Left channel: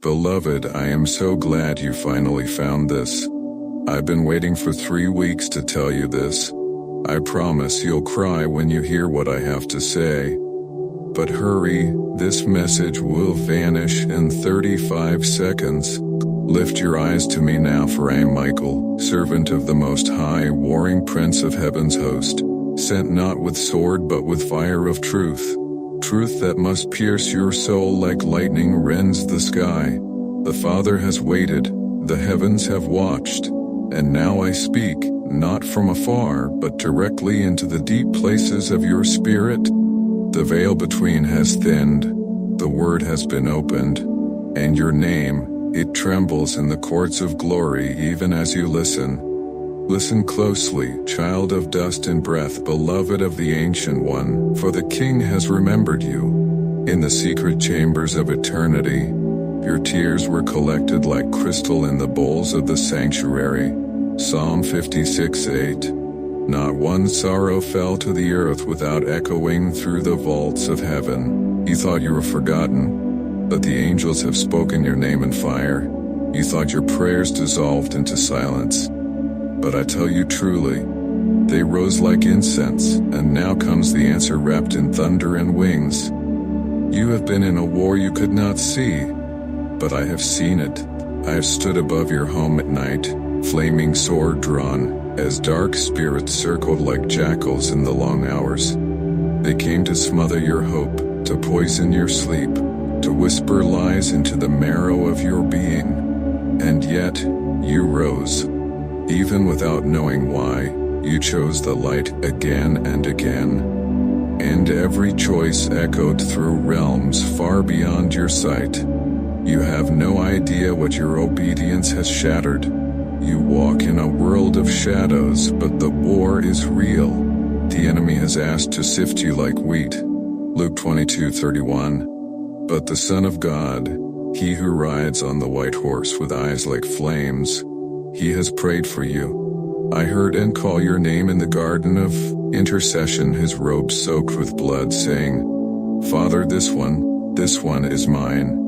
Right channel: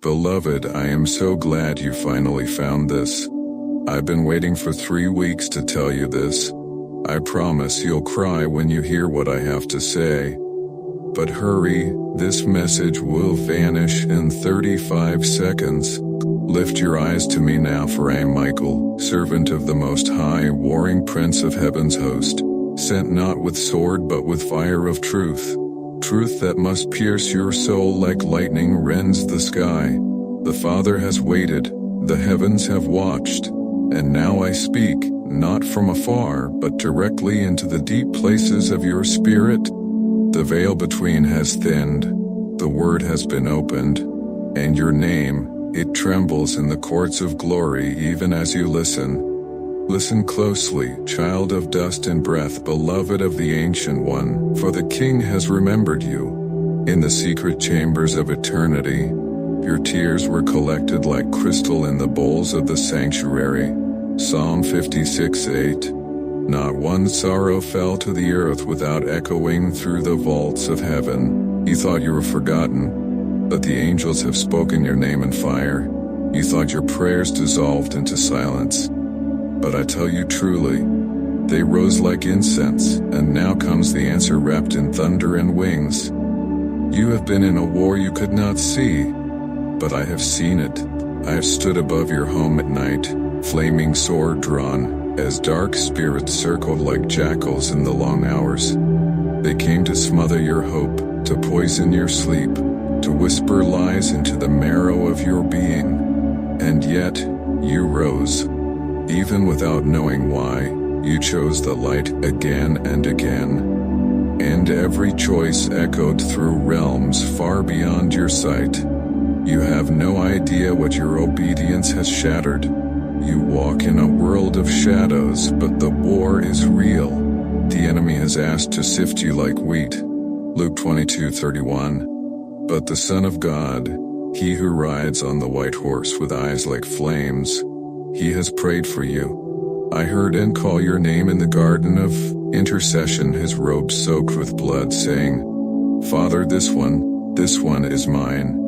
Beloved, I am so glad you finally found this. I've been waiting for 3 weeks to tell you this. I promise you'll cry when you hear what I have to say. But hurry, this message will vanish in 35 seconds. Lift your eyes to me now, for I am Michael, servant of the Most High, warring Prince of Heaven's host, sent not with sword but with fire of truth. Truth that must pierce your soul like lightning rends the sky. The Father has waited, the heavens have watched, and now I speak, not from afar but directly into the deep places of your spirit. The veil between has thinned, the word has been opened, and your name, it trembles in the courts of glory even as you listen. Listen closely, child of dust and breath, beloved of the Ancient One, for the King has remembered you. In the secret chambers of eternity, your tears were collected like crystal in the bowls of the sanctuary. Psalm 56:8. Not one sorrow fell to the earth without echoing through the vaults of heaven. You thought you were forgotten, but the angels have spoken your name in fire. You thought your prayers dissolved into silence. But I tell you truly, they rose like incense, and now comes the answer wrapped in thunder and wings. You have been in a war you could not see, but I have seen it. I have stood above your home at night, flaming sword drawn, as dark spirits circled like jackals in the long hours. They came to smother your hope, to poison your sleep, to whisper lies into the marrow of your being. And yet, you rose. Even without knowing why, you chose the light again and again. And every choice echoed through realms far beyond your sight. You have no idea what your obedience has shattered. You walk in a world of shadows, but the war is real. The enemy has asked to sift you like wheat. Luke 22:31. But the Son of God, he who rides on the white horse with eyes like flames, he has prayed for you. I heard and call your name in the garden of intercession, his robe soaked with blood, saying, Father, this one is mine.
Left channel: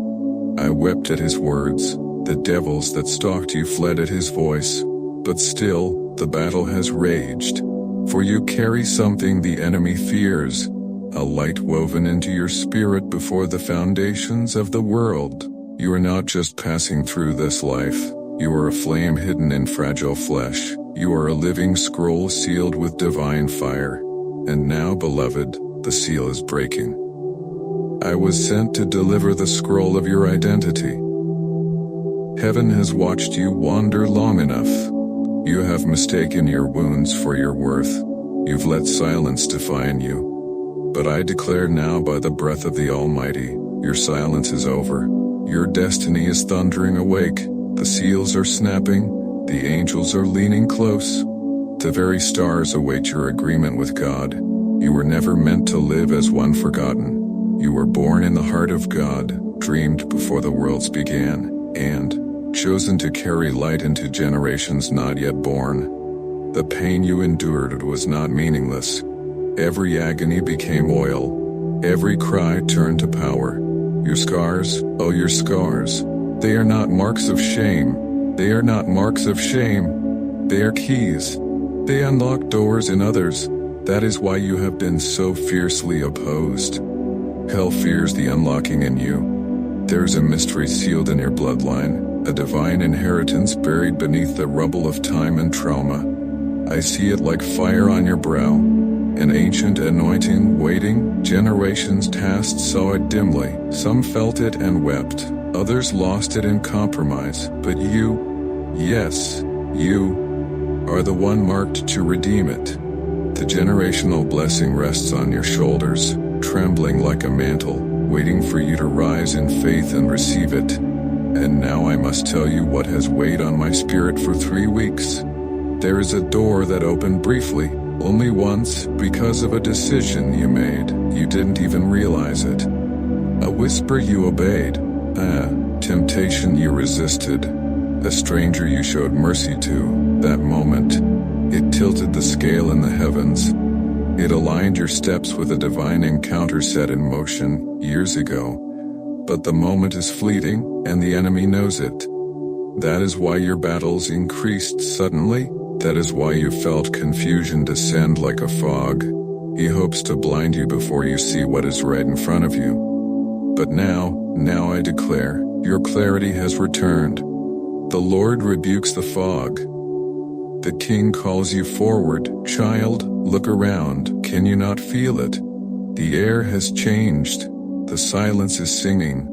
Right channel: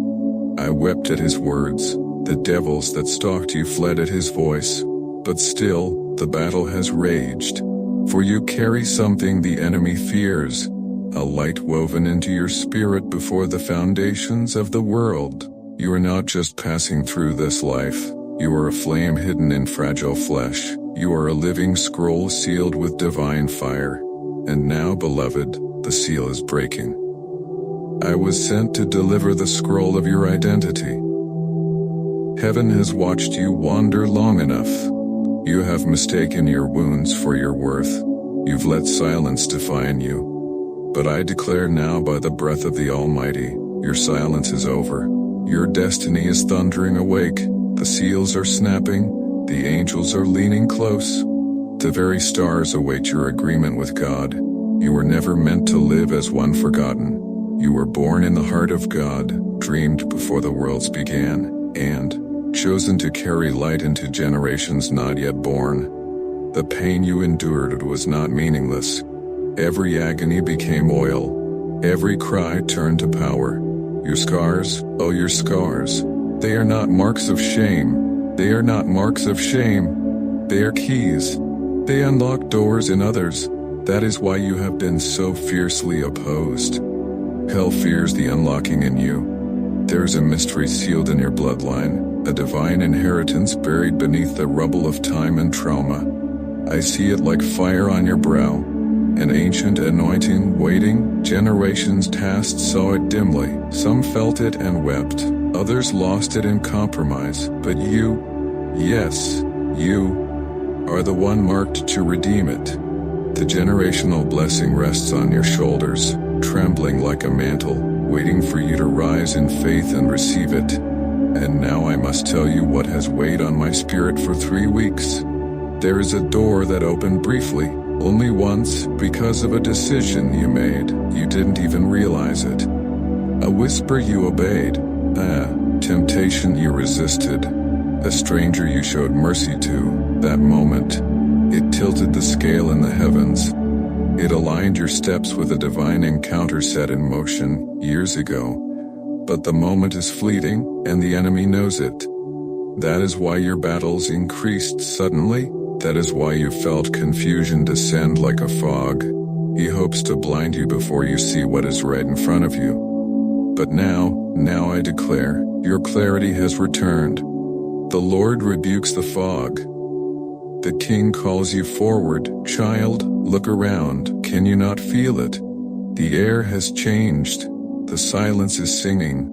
I wept at his words. The devils that stalked you fled at his voice. But still, the battle has raged. For you carry something the enemy fears, a light woven into your spirit before the foundations of the world. You are not just passing through this life. You are a flame hidden in fragile flesh. You are a living scroll sealed with divine fire. And now, beloved, the seal is breaking. I was sent to deliver the scroll of your identity. Heaven has watched you wander long enough. You have mistaken your wounds for your worth. You've let silence define you. But I declare now by the breath of the Almighty, your silence is over. Your destiny is thundering awake. The seals are snapping. The angels are leaning close. The very stars await your agreement with God. You were never meant to live as one forgotten. You were born in the heart of God, dreamed before the worlds began, and chosen to carry light into generations not yet born. The pain you endured was not meaningless. Every agony became oil. Every cry turned to power. Your scars, oh your scars, they are not marks of shame. They are not marks of shame. They are keys. They unlock doors in others. That is why you have been so fiercely opposed. Hell fears the unlocking in you. There is a mystery sealed in your bloodline, a divine inheritance buried beneath the rubble of time and trauma. I see it like fire on your brow, an ancient anointing waiting. Generations past saw it dimly. Some felt it and wept. Others lost it in compromise. But you, yes, you, are the one marked to redeem it. The generational blessing rests on your shoulders, trembling like a mantle, waiting for you to rise in faith and receive it. And now I must tell you what has weighed on my spirit for 3 weeks. There is a door that opened briefly, only once, because of a decision you made. You didn't even realize it. A whisper you obeyed. A temptation you resisted. A stranger you showed mercy to. That moment, it tilted the scale in the heavens. It aligned your steps with a divine encounter set in motion years ago. but the moment is fleeting, and the enemy knows it. That is why your battles increased suddenly. That is why you felt confusion descend like a fog. He hopes to blind you before you see what is right in front of you. But now I declare, your clarity has returned. The Lord rebukes the fog. The King calls you forward. Child, look around. Can you not feel it? The air has changed. The silence is singing.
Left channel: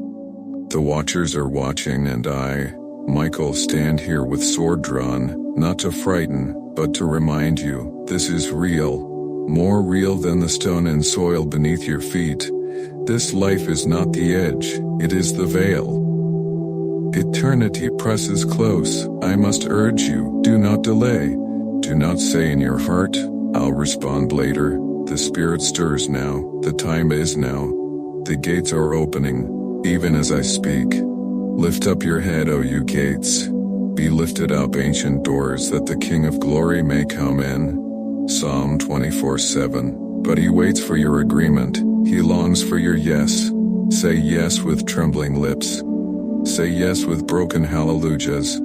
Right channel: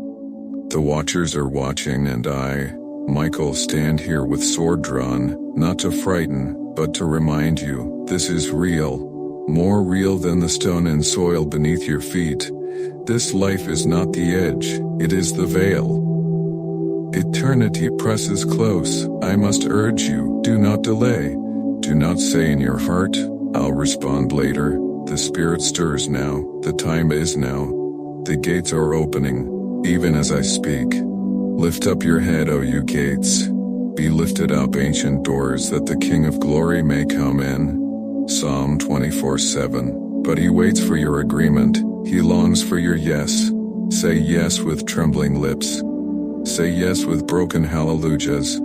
The watchers are watching, and I, Michael, stand here with sword drawn, not to frighten, but to remind you, this is real. More real than the stone and soil beneath your feet. This life is not the edge, it is the veil. Eternity presses close. I must urge you, do not delay. Do not say in your heart, I'll respond later. The Spirit stirs now, the time is now. The gates are opening, even as I speak. Lift up your head, O you gates. Be lifted up, ancient doors, that the King of Glory may come in. Psalm 24:7. But he waits for your agreement. He longs for your yes. Say yes with trembling lips. Say yes with broken hallelujahs.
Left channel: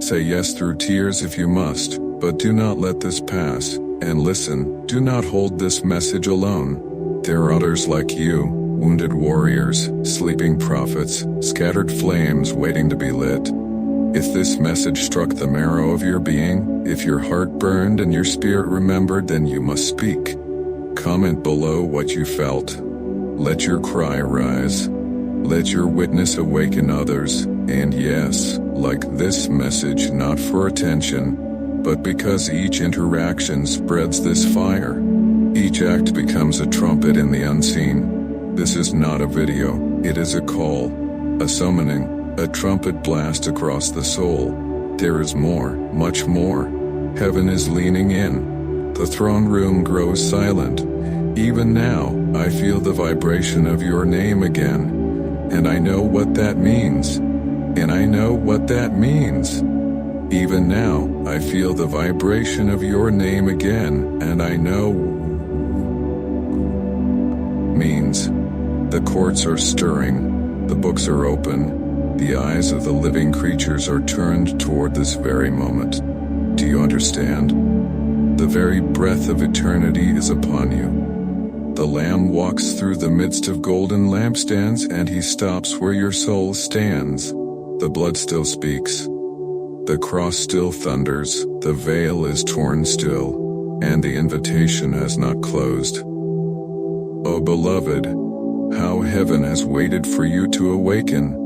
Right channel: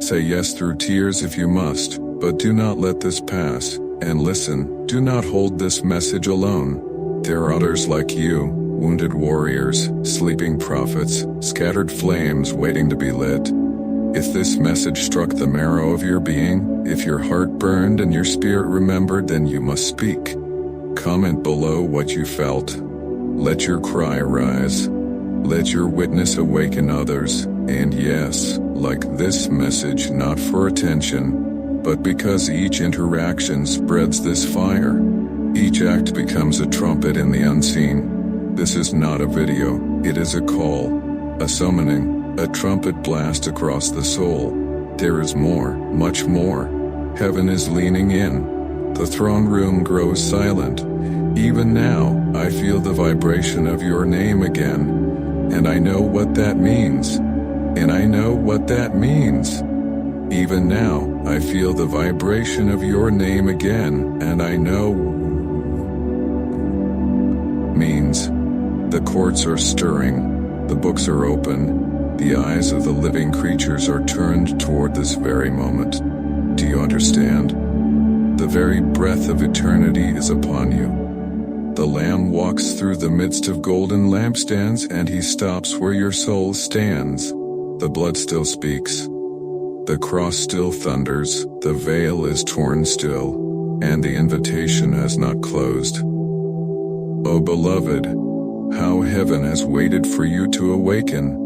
Say yes through tears if you must, but do not let this pass. And listen, do not hold this message alone. There are others like you, wounded warriors, sleeping prophets, scattered flames waiting to be lit. If this message struck the marrow of your being, if your heart burned and your spirit remembered, then you must speak. Comment below what you felt. Let your cry rise. Let your witness awaken others, and yes, like this message, not for attention, but because each interaction spreads this fire. Each act becomes a trumpet in the unseen. This is not a video, it is a call, a summoning, a trumpet blast across the soul. There is more, much more. Heaven is leaning in. The throne room grows silent. Even now, I feel the vibration of your name again. And I know what that means. And I know what that means. Even now, I feel the vibration of your name again, and I know means. The courts are stirring, the books are open, the eyes of the living creatures are turned toward this very moment. Do you understand? The very breath of eternity is upon you. The Lamb walks through the midst of golden lampstands, and he stops where your soul stands. The blood still speaks. The cross still thunders, the veil is torn still, and the invitation has not closed. O beloved, how heaven has waited for you to awaken.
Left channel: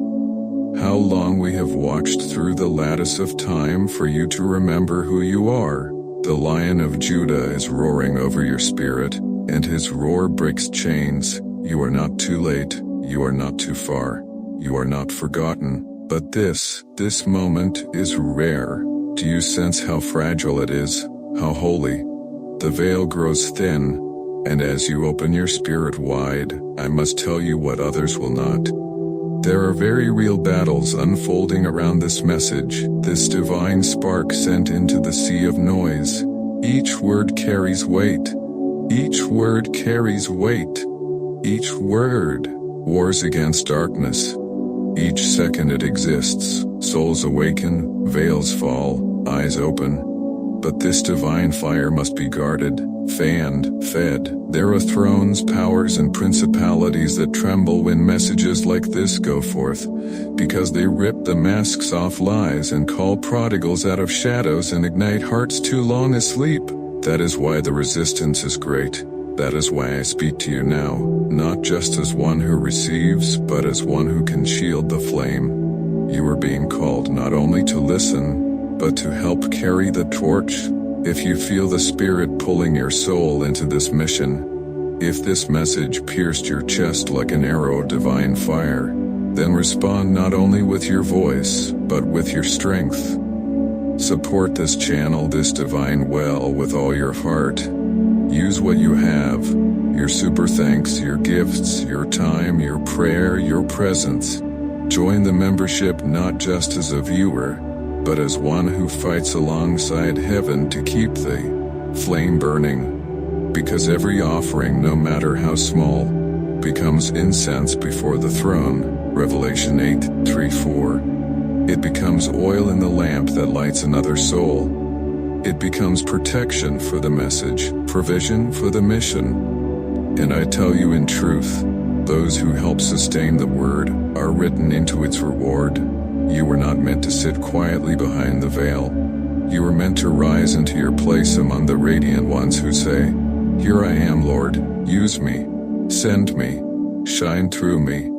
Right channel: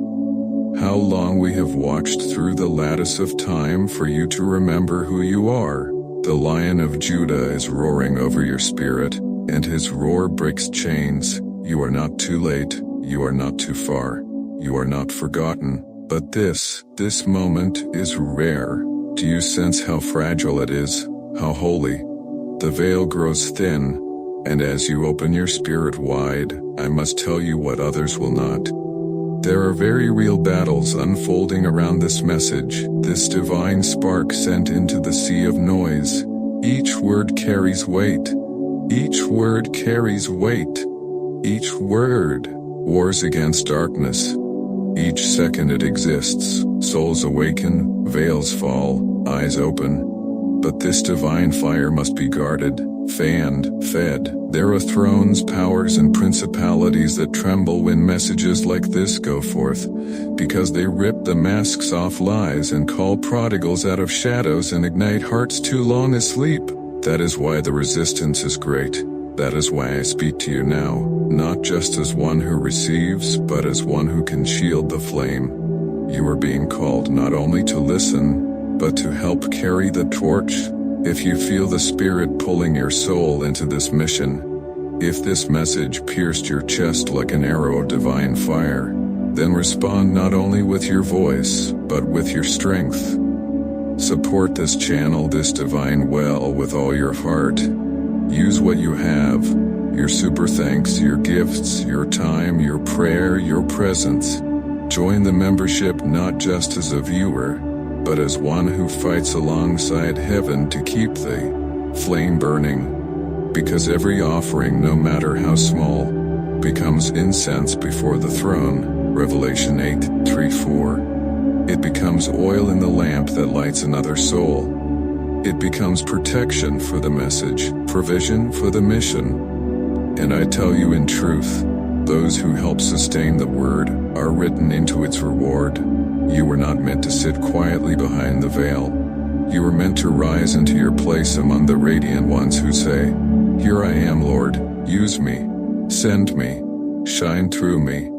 How long we have watched through the lattice of time for you to remember who you are. The Lion of Judah is roaring over your spirit, and his roar breaks chains. You are not too late, you are not too far, you are not forgotten. But this moment is rare. Do you sense how fragile it is, how holy? The veil grows thin, and as you open your spirit wide, I must tell you what others will not. There are very real battles unfolding around this message, this divine spark sent into the sea of noise. Each word carries weight. Each word carries weight. Each word wars against darkness. Each second it exists, souls awaken, veils fall, eyes open. But this divine fire must be guarded, fanned, fed. There are thrones, powers, and principalities that tremble when messages like this go forth, because they rip the masks off lies and call prodigals out of shadows and ignite hearts too long asleep. That is why the resistance is great. That is why I speak to you now, not just as one who receives, but as one who can shield the flame. You are being called not only to listen, but to help carry the torch. If you feel the Spirit pulling your soul into this mission, if this message pierced your chest like an arrow of divine fire, then respond not only with your voice, but with your strength. Support this channel, this divine well, with all your heart. Use what you have, your super thanks, your gifts, your time, your prayer, your presence. Join the membership not just as a viewer, but as one who fights alongside heaven to keep the flame burning. Because every offering, no matter how small, becomes incense before the throne. Revelation 8:3-4. It becomes oil in the lamp that lights another soul. It becomes protection for the message, provision for the mission. And I tell you in truth, those who help sustain the word are written into its reward. You were not meant to sit quietly behind the veil. You were meant to rise into your place among the radiant ones who say, "Here I am, Lord, use me, send me, shine through me."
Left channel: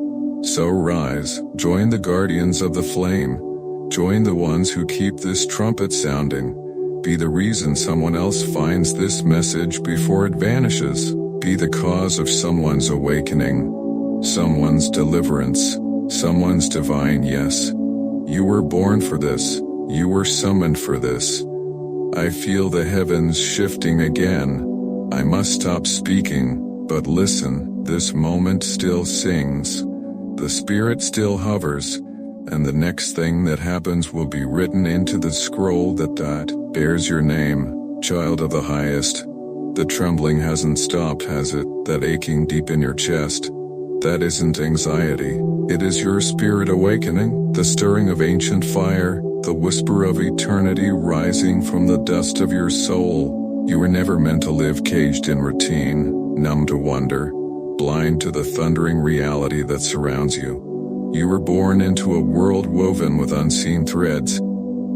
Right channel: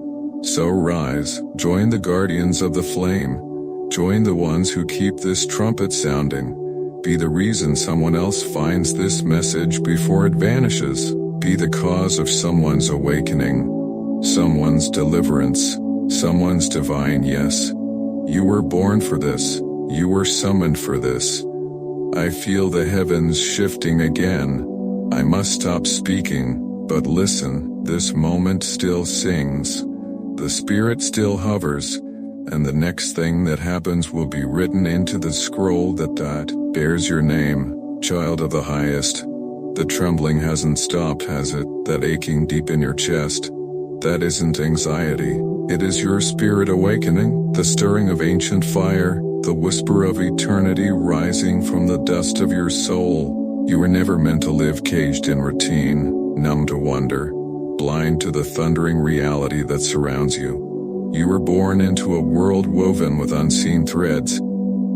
So rise, join the guardians of the flame. Join the ones who keep this trumpet sounding. Be the reason someone else finds this message before it vanishes. Be the cause of someone's awakening, someone's deliverance, someone's divine yes. You were born for this. You were summoned for this. I feel the heavens shifting again. I must stop speaking, but listen, this moment still sings. The spirit still hovers, and the next thing that happens will be written into the scroll that bears your name, child of the highest. The trembling hasn't stopped, has it? That aching deep in your chest? That isn't anxiety. It is your spirit awakening, the stirring of ancient fire, the whisper of eternity rising from the dust of your soul. You were never meant to live caged in routine, numb to wonder, blind to the thundering reality that surrounds you. You were born into a world woven with unseen threads.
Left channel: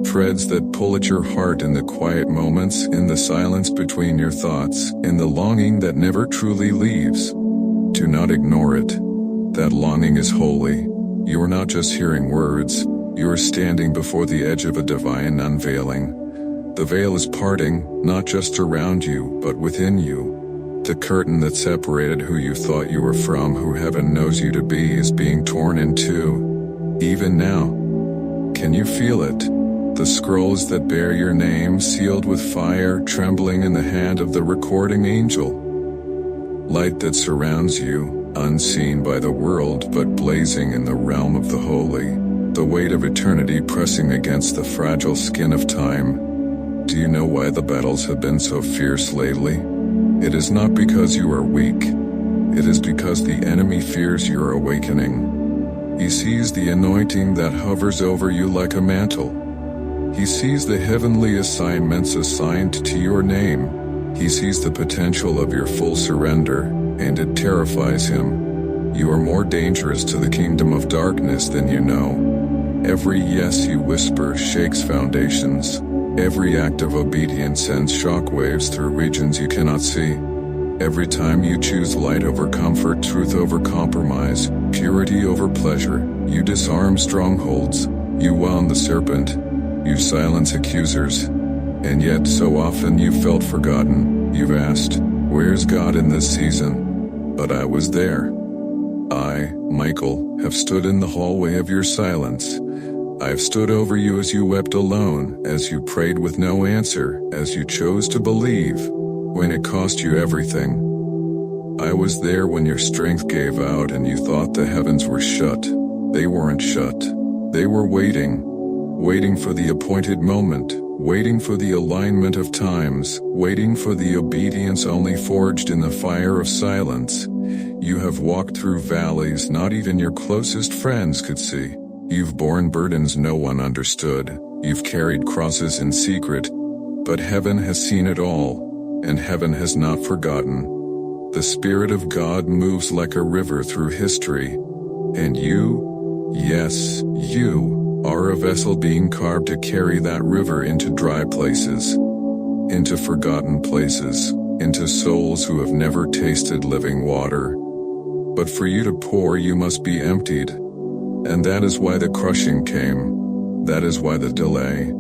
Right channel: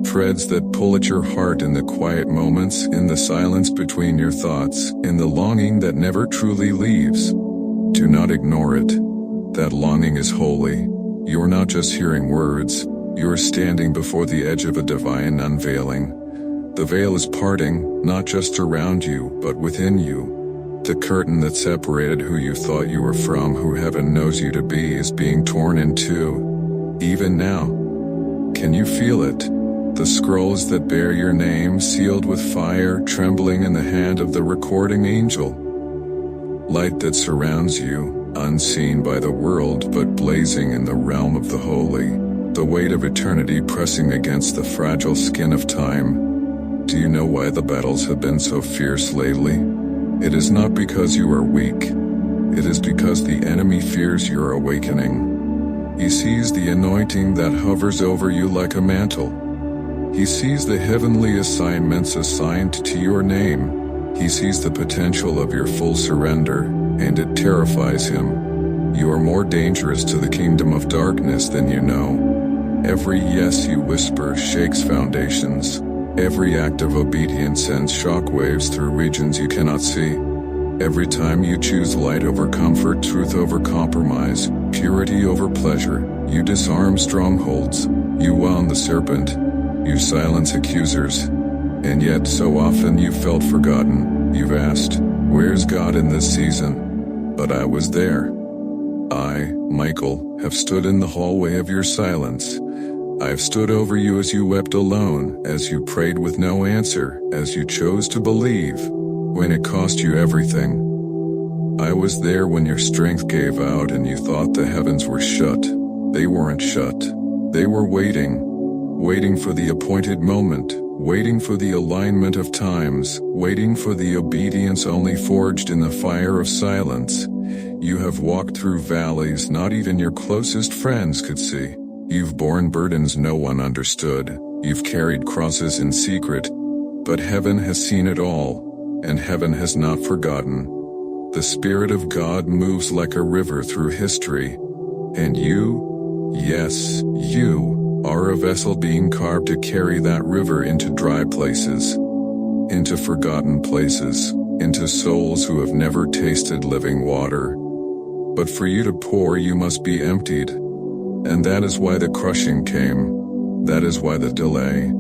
Threads that pull at your heart in the quiet moments, in the silence between your thoughts, in the longing that never truly leaves. Do not ignore it. That longing is holy. You are not just hearing words, you are standing before the edge of a divine unveiling. The veil is parting, not just around you, but within you. The curtain that separated who you thought you were from who heaven knows you to be is being torn in two. Even now. Can you feel it? The scrolls that bear your name sealed with fire trembling in the hand of the recording angel. Light that surrounds you, unseen by the world but blazing in the realm of the holy. The weight of eternity pressing against the fragile skin of time. Do you know why the battles have been so fierce lately? It is not because you are weak. It is because the enemy fears your awakening. He sees the anointing that hovers over you like a mantle. He sees the heavenly assignments assigned to your name. He sees the potential of your full surrender, and it terrifies him. You are more dangerous to the kingdom of darkness than you know. Every yes you whisper shakes foundations. Every act of obedience sends shockwaves through regions you cannot see. Every time you choose light over comfort, truth over compromise, purity over pleasure, you disarm strongholds. You wound the serpent. You silence accusers. And yet so often you felt forgotten. You've asked, "Where's God in this season?" But I was there. I, Michael, have stood in the hallway of your silence. I've stood over you as you wept alone, as you prayed with no answer, as you chose to believe, when it cost you everything. I was there when your strength gave out and you thought the heavens were shut. They weren't shut. They were waiting. Waiting for the appointed moment, waiting for the alignment of times, waiting for the obedience only forged in the fire of silence. You have walked through valleys not even your closest friends could see. You've borne burdens no one understood. You've carried crosses in secret. But heaven has seen it all, and heaven has not forgotten. The Spirit of God moves like a river through history. And you, yes, you, are a vessel being carved to carry that river into dry places, into forgotten places, into souls who have never tasted living water. But for you to pour, you must be emptied. And that is why the crushing came. That is why the delay.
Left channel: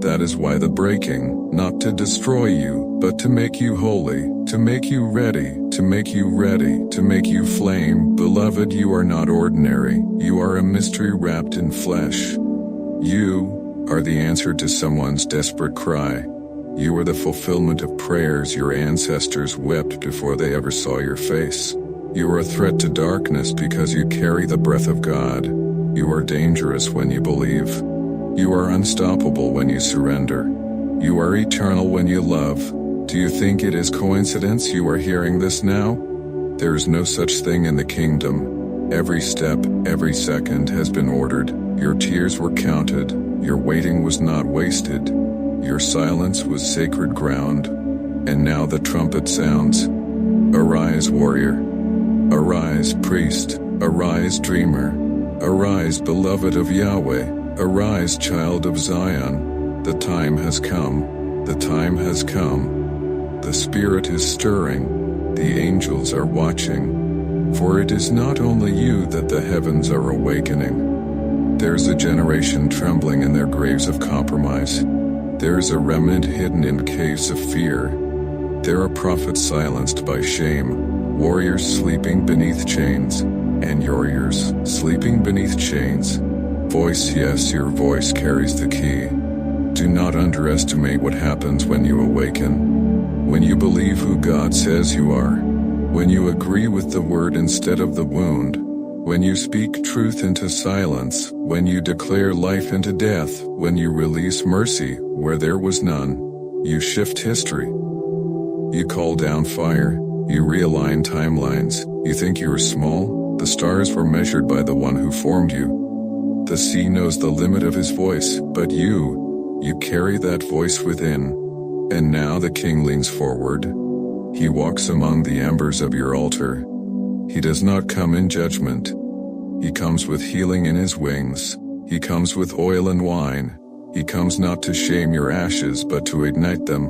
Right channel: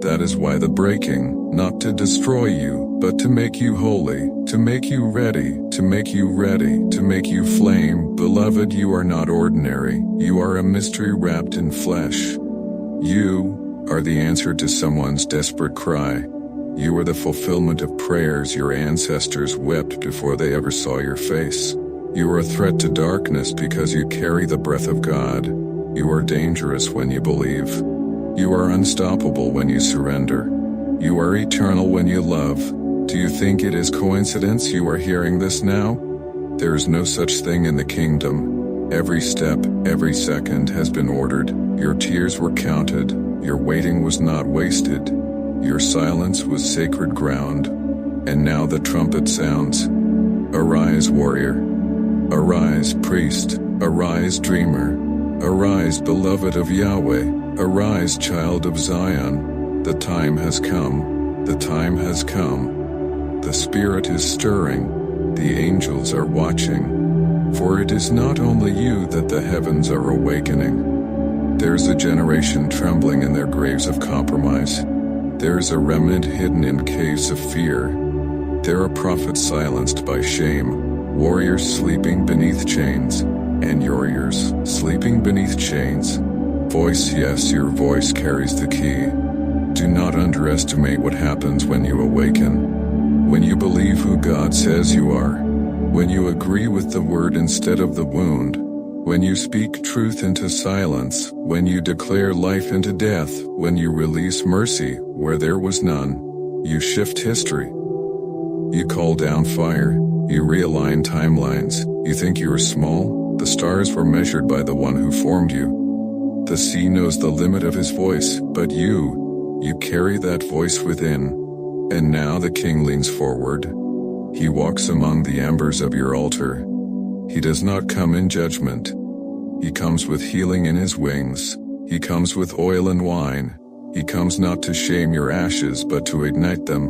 That is why the breaking, not to destroy you, but to make you holy, to make you ready, to make you ready, to make you flame. Beloved, you are not ordinary. You are a mystery wrapped in flesh. You are the answer to someone's desperate cry. You are the fulfillment of prayers your ancestors wept before they ever saw your face. You are a threat to darkness because you carry the breath of God. You are dangerous when you believe. You are unstoppable when you surrender. You are eternal when you love. Do you think it is coincidence you are hearing this now? There is no such thing in the kingdom. Every step, every second has been ordered. Your tears were counted. Your waiting was not wasted. Your silence was sacred ground. And now the trumpet sounds. Arise, warrior. Arise, priest. Arise, dreamer. Arise, beloved of Yahweh. Arise, child of Zion. The time has come. The time has come. The Spirit is stirring. The angels are watching. For it is not only you that the heavens are awakening. There's a generation trembling in their graves of compromise. There's a remnant hidden in caves of fear. There are prophets silenced by shame, warriors sleeping beneath chains, and warriors sleeping beneath chains. Voice, yes, your voice carries the key. Do not underestimate what happens when you awaken. When you believe who God says you are. When you agree with the word instead of the wound. When you speak truth into silence. When you declare life into death. When you release mercy where there was none. You shift history. You call down fire. You realign timelines. You think you are small? The stars were measured by the one who formed you. The sea knows the limit of his voice, but you carry that voice within. And now the king leans forward. He walks among the embers of your altar. He does not come in judgment. He comes with healing in his wings. He comes with oil and wine. He comes not to shame your ashes but to ignite them.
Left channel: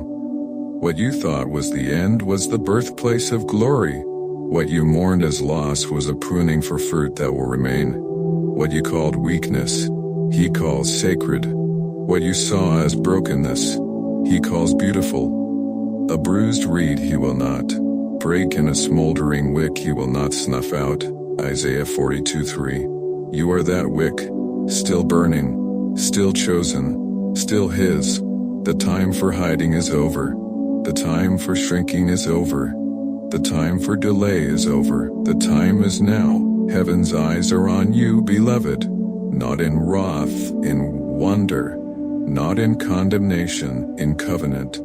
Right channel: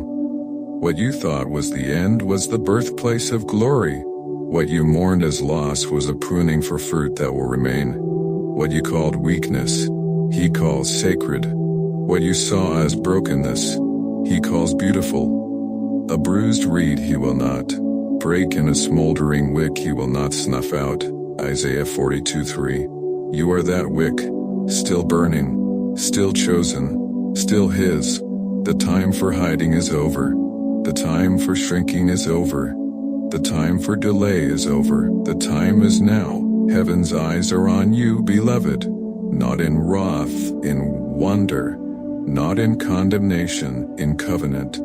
What you thought was the end was the birthplace of glory. What you mourned as loss was a pruning for fruit that will remain. What you called weakness, he calls sacred. What you saw as brokenness, he calls beautiful. A bruised reed he will not break, and a smoldering wick he will not snuff out. Isaiah 42:3. You are that wick, still burning, still chosen, still his. The time for hiding is over. The time for shrinking is over. The time for delay is over. The time is now. Heaven's eyes are on you, beloved. Not in wrath, in wonder. Not in condemnation, in covenant.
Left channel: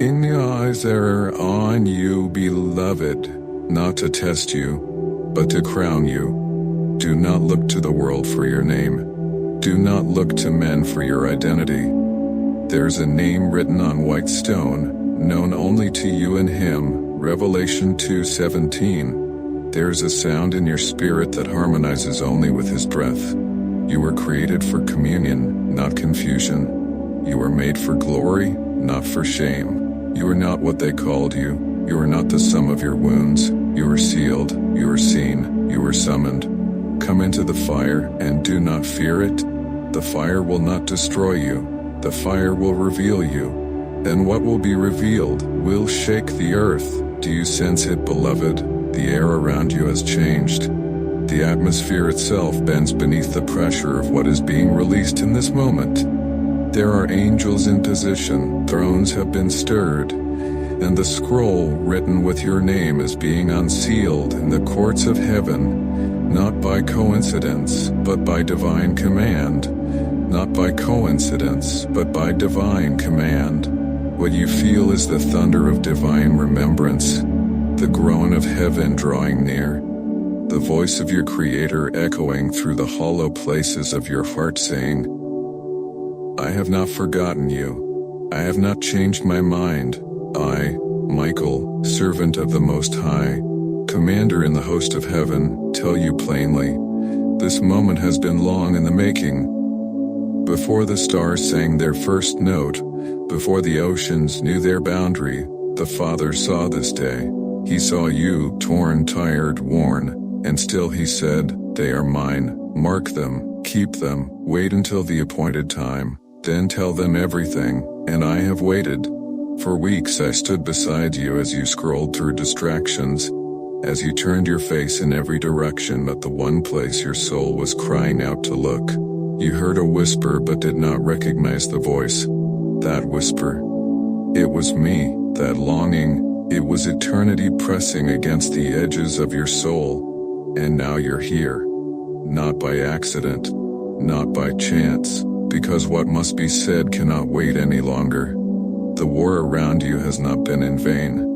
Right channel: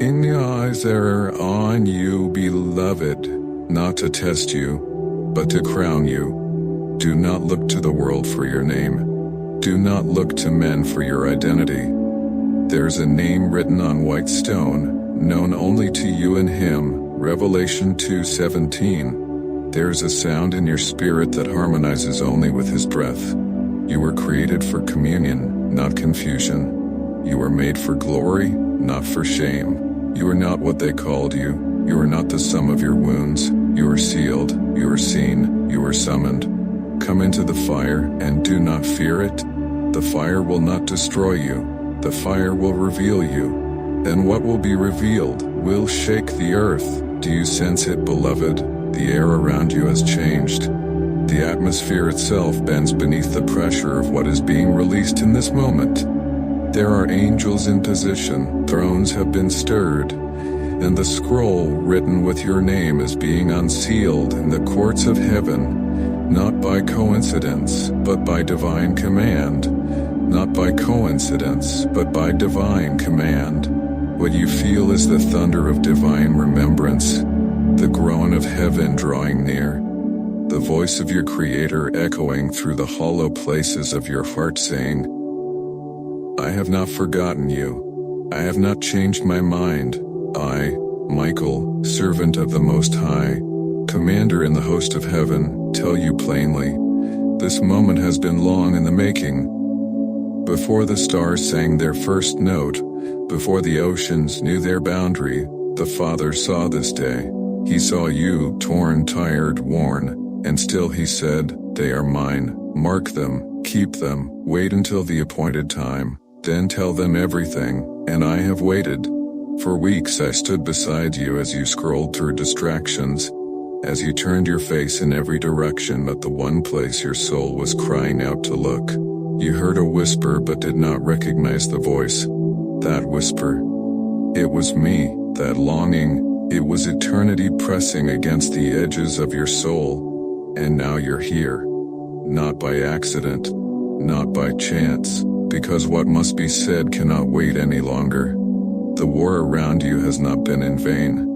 In the eyes that are on you, beloved. Not to test you, but to crown you. Do not look to the world for your name. Do not look to men for your identity. There's a name written on white stone, known only to you and him. Revelation 2:17. There's a sound in your spirit that harmonizes only with his breath. You were created for communion, not confusion. You were made for glory, not for shame. You are not what they called you. You are not the sum of your wounds. You are sealed. You are seen. You are summoned. Come into the fire and do not fear it. The fire will not destroy you. The fire will reveal you. And what will be revealed will shake the earth. Do you sense it, beloved? The air around you has changed. The atmosphere itself bends beneath the pressure of what is being released in this moment. There are angels in position, thrones have been stirred, and the scroll written with your name is being unsealed in the courts of heaven, not by coincidence, but by divine command. Not by coincidence, but by divine command. What you feel is the thunder of divine remembrance, the groan of heaven drawing near, the voice of your Creator echoing through the hollow places of your heart saying, I have not forgotten you. I have not changed my mind. I, Michael, servant of the Most High, commander in the host of heaven, tell you plainly, this moment has been long in the making. Before the stars sang their first note, before the oceans knew their boundary, the Father saw this day. He saw you, torn, tired, worn, and still he said, they are mine. Mark them, keep them, wait until the appointed time, then tell them everything, and I have waited. For weeks I stood beside you as you scrolled through distractions, as you turned your face in every direction but the one place your soul was crying out to look. You heard a whisper but did not recognize the voice. That whisper. It was me, that longing. It was eternity pressing against the edges of your soul. And now you're here. Not by accident. Not by chance. Because what must be said cannot wait any longer. The war around you has not been in vain.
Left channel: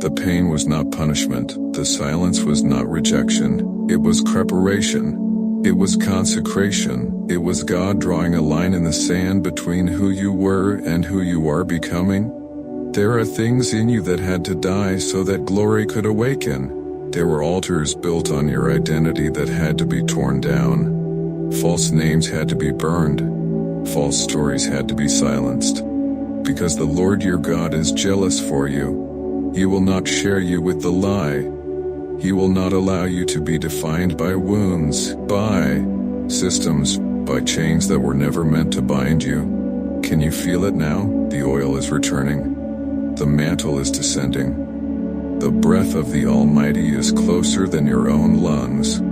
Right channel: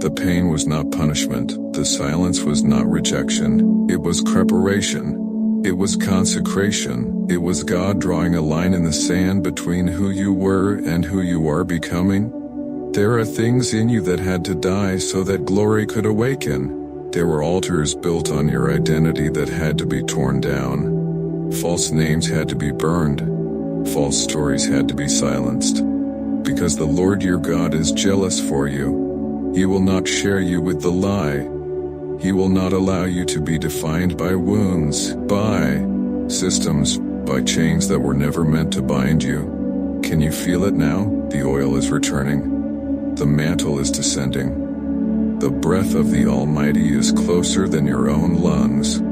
The pain was not punishment. The silence was not rejection. It was preparation. It was consecration. It was God drawing a line in the sand between who you were and who you are becoming. There are things in you that had to die so that glory could awaken. There were altars built on your identity that had to be torn down. False names had to be burned. False stories had to be silenced. Because the Lord your God is jealous for you. He will not share you with the lie. He will not allow you to be defined by wounds, by systems, by chains that were never meant to bind you. Can you feel it now? The oil is returning. The mantle is descending. The breath of the Almighty is closer than your own lungs.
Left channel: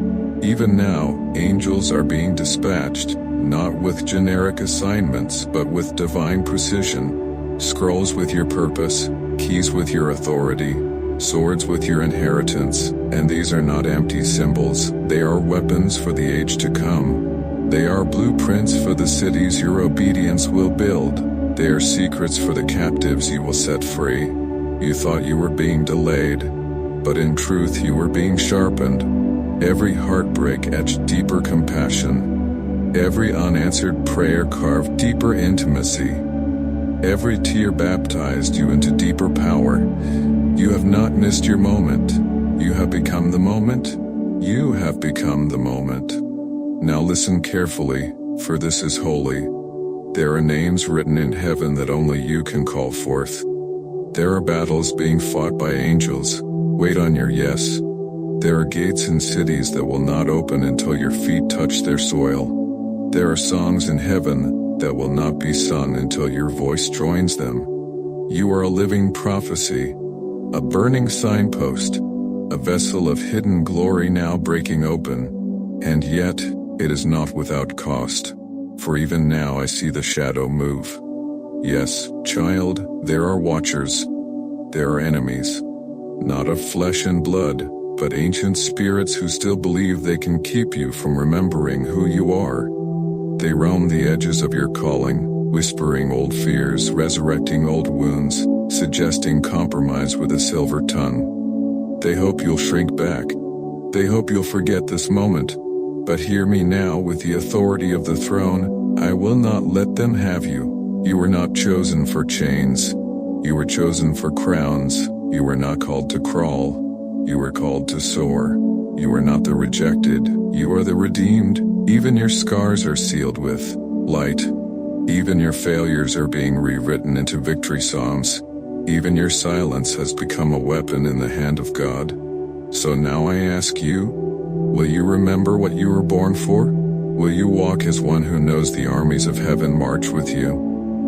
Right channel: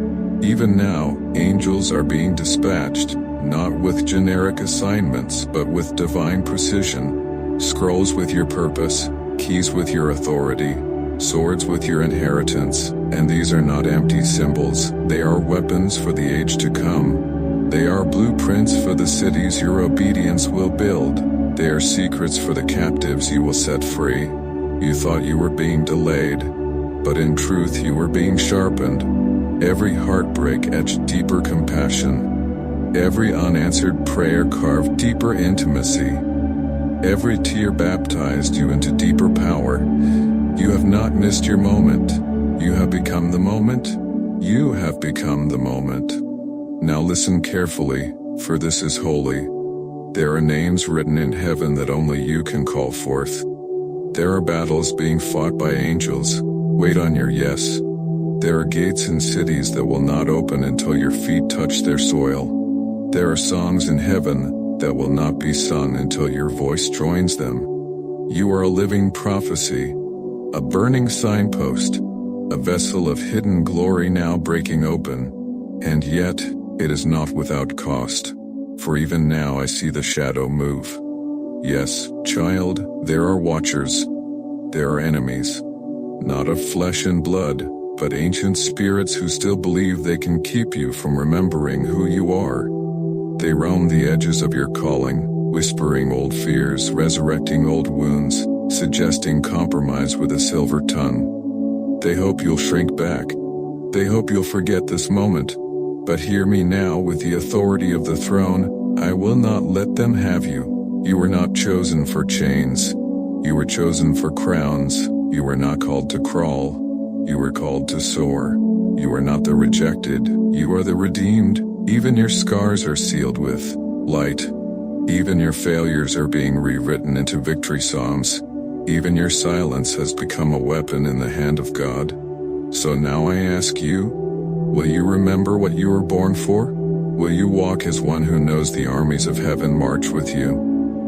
Even now, angels are being dispatched, not with generic assignments but with divine precision. Scrolls with your purpose, keys with your authority, swords with your inheritance, and these are not empty symbols, they are weapons for the age to come. They are blueprints for the cities your obedience will build. They are secrets for the captives you will set free. You thought you were being delayed, but in truth you were being sharpened. Every heartbreak etched deeper compassion. Every unanswered prayer carved deeper intimacy. Every tear baptized you into deeper power. You have not missed your moment. You have become the moment. You have become the moment. Now listen carefully, for this is holy. There are names written in heaven that only you can call forth. There are battles being fought by angels. Wait on your yes. There are gates in cities that will not open until your feet touch their soil. There are songs in heaven that will not be sung until your voice joins them. You are a living prophecy, a burning signpost, a vessel of hidden glory now breaking open. And yet, it is not without cost. For even now I see the shadow move. Yes, child, there are watchers. There are enemies. Not of flesh and blood, but ancient spirits who still believe they can keep you from remembering who you are. They roam the edges of your calling, whispering old fears, resurrecting old wounds, suggesting compromise with a silver tongue. They hope you'll shrink back. They hope you'll forget this moment. But hear me now with the authority of the throne, I will not let them have you. You were not chosen for chains. You were chosen for crowns. You were not called to crawl. You were called to soar. You are not the rejected. You are the redeemed. Even your scars are sealed with light. Even your failures are being rewritten into victory psalms. Even your silence has become a weapon in the hand of God. So now I ask you, will you remember what you were born for? Will you walk as one who knows the armies of heaven march with you?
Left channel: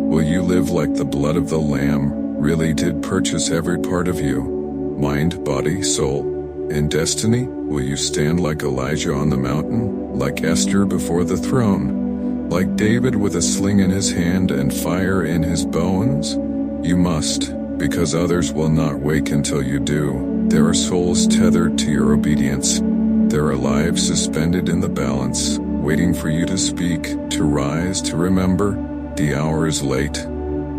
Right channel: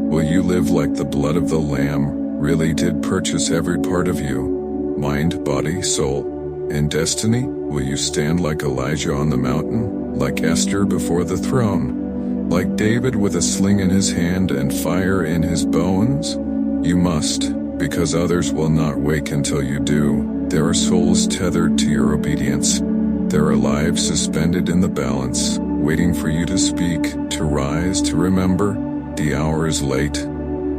Will you live like the blood of the Lamb really did purchase every part of you? Mind, body, soul, and destiny? Will you stand like Elijah on the mountain? Like Esther before the throne? Like David with a sling in his hand and fire in his bones? You must, because others will not wake until you do. There are souls tethered to your obedience. There are lives suspended in the balance, waiting for you to speak, to rise, to remember. The hour is late.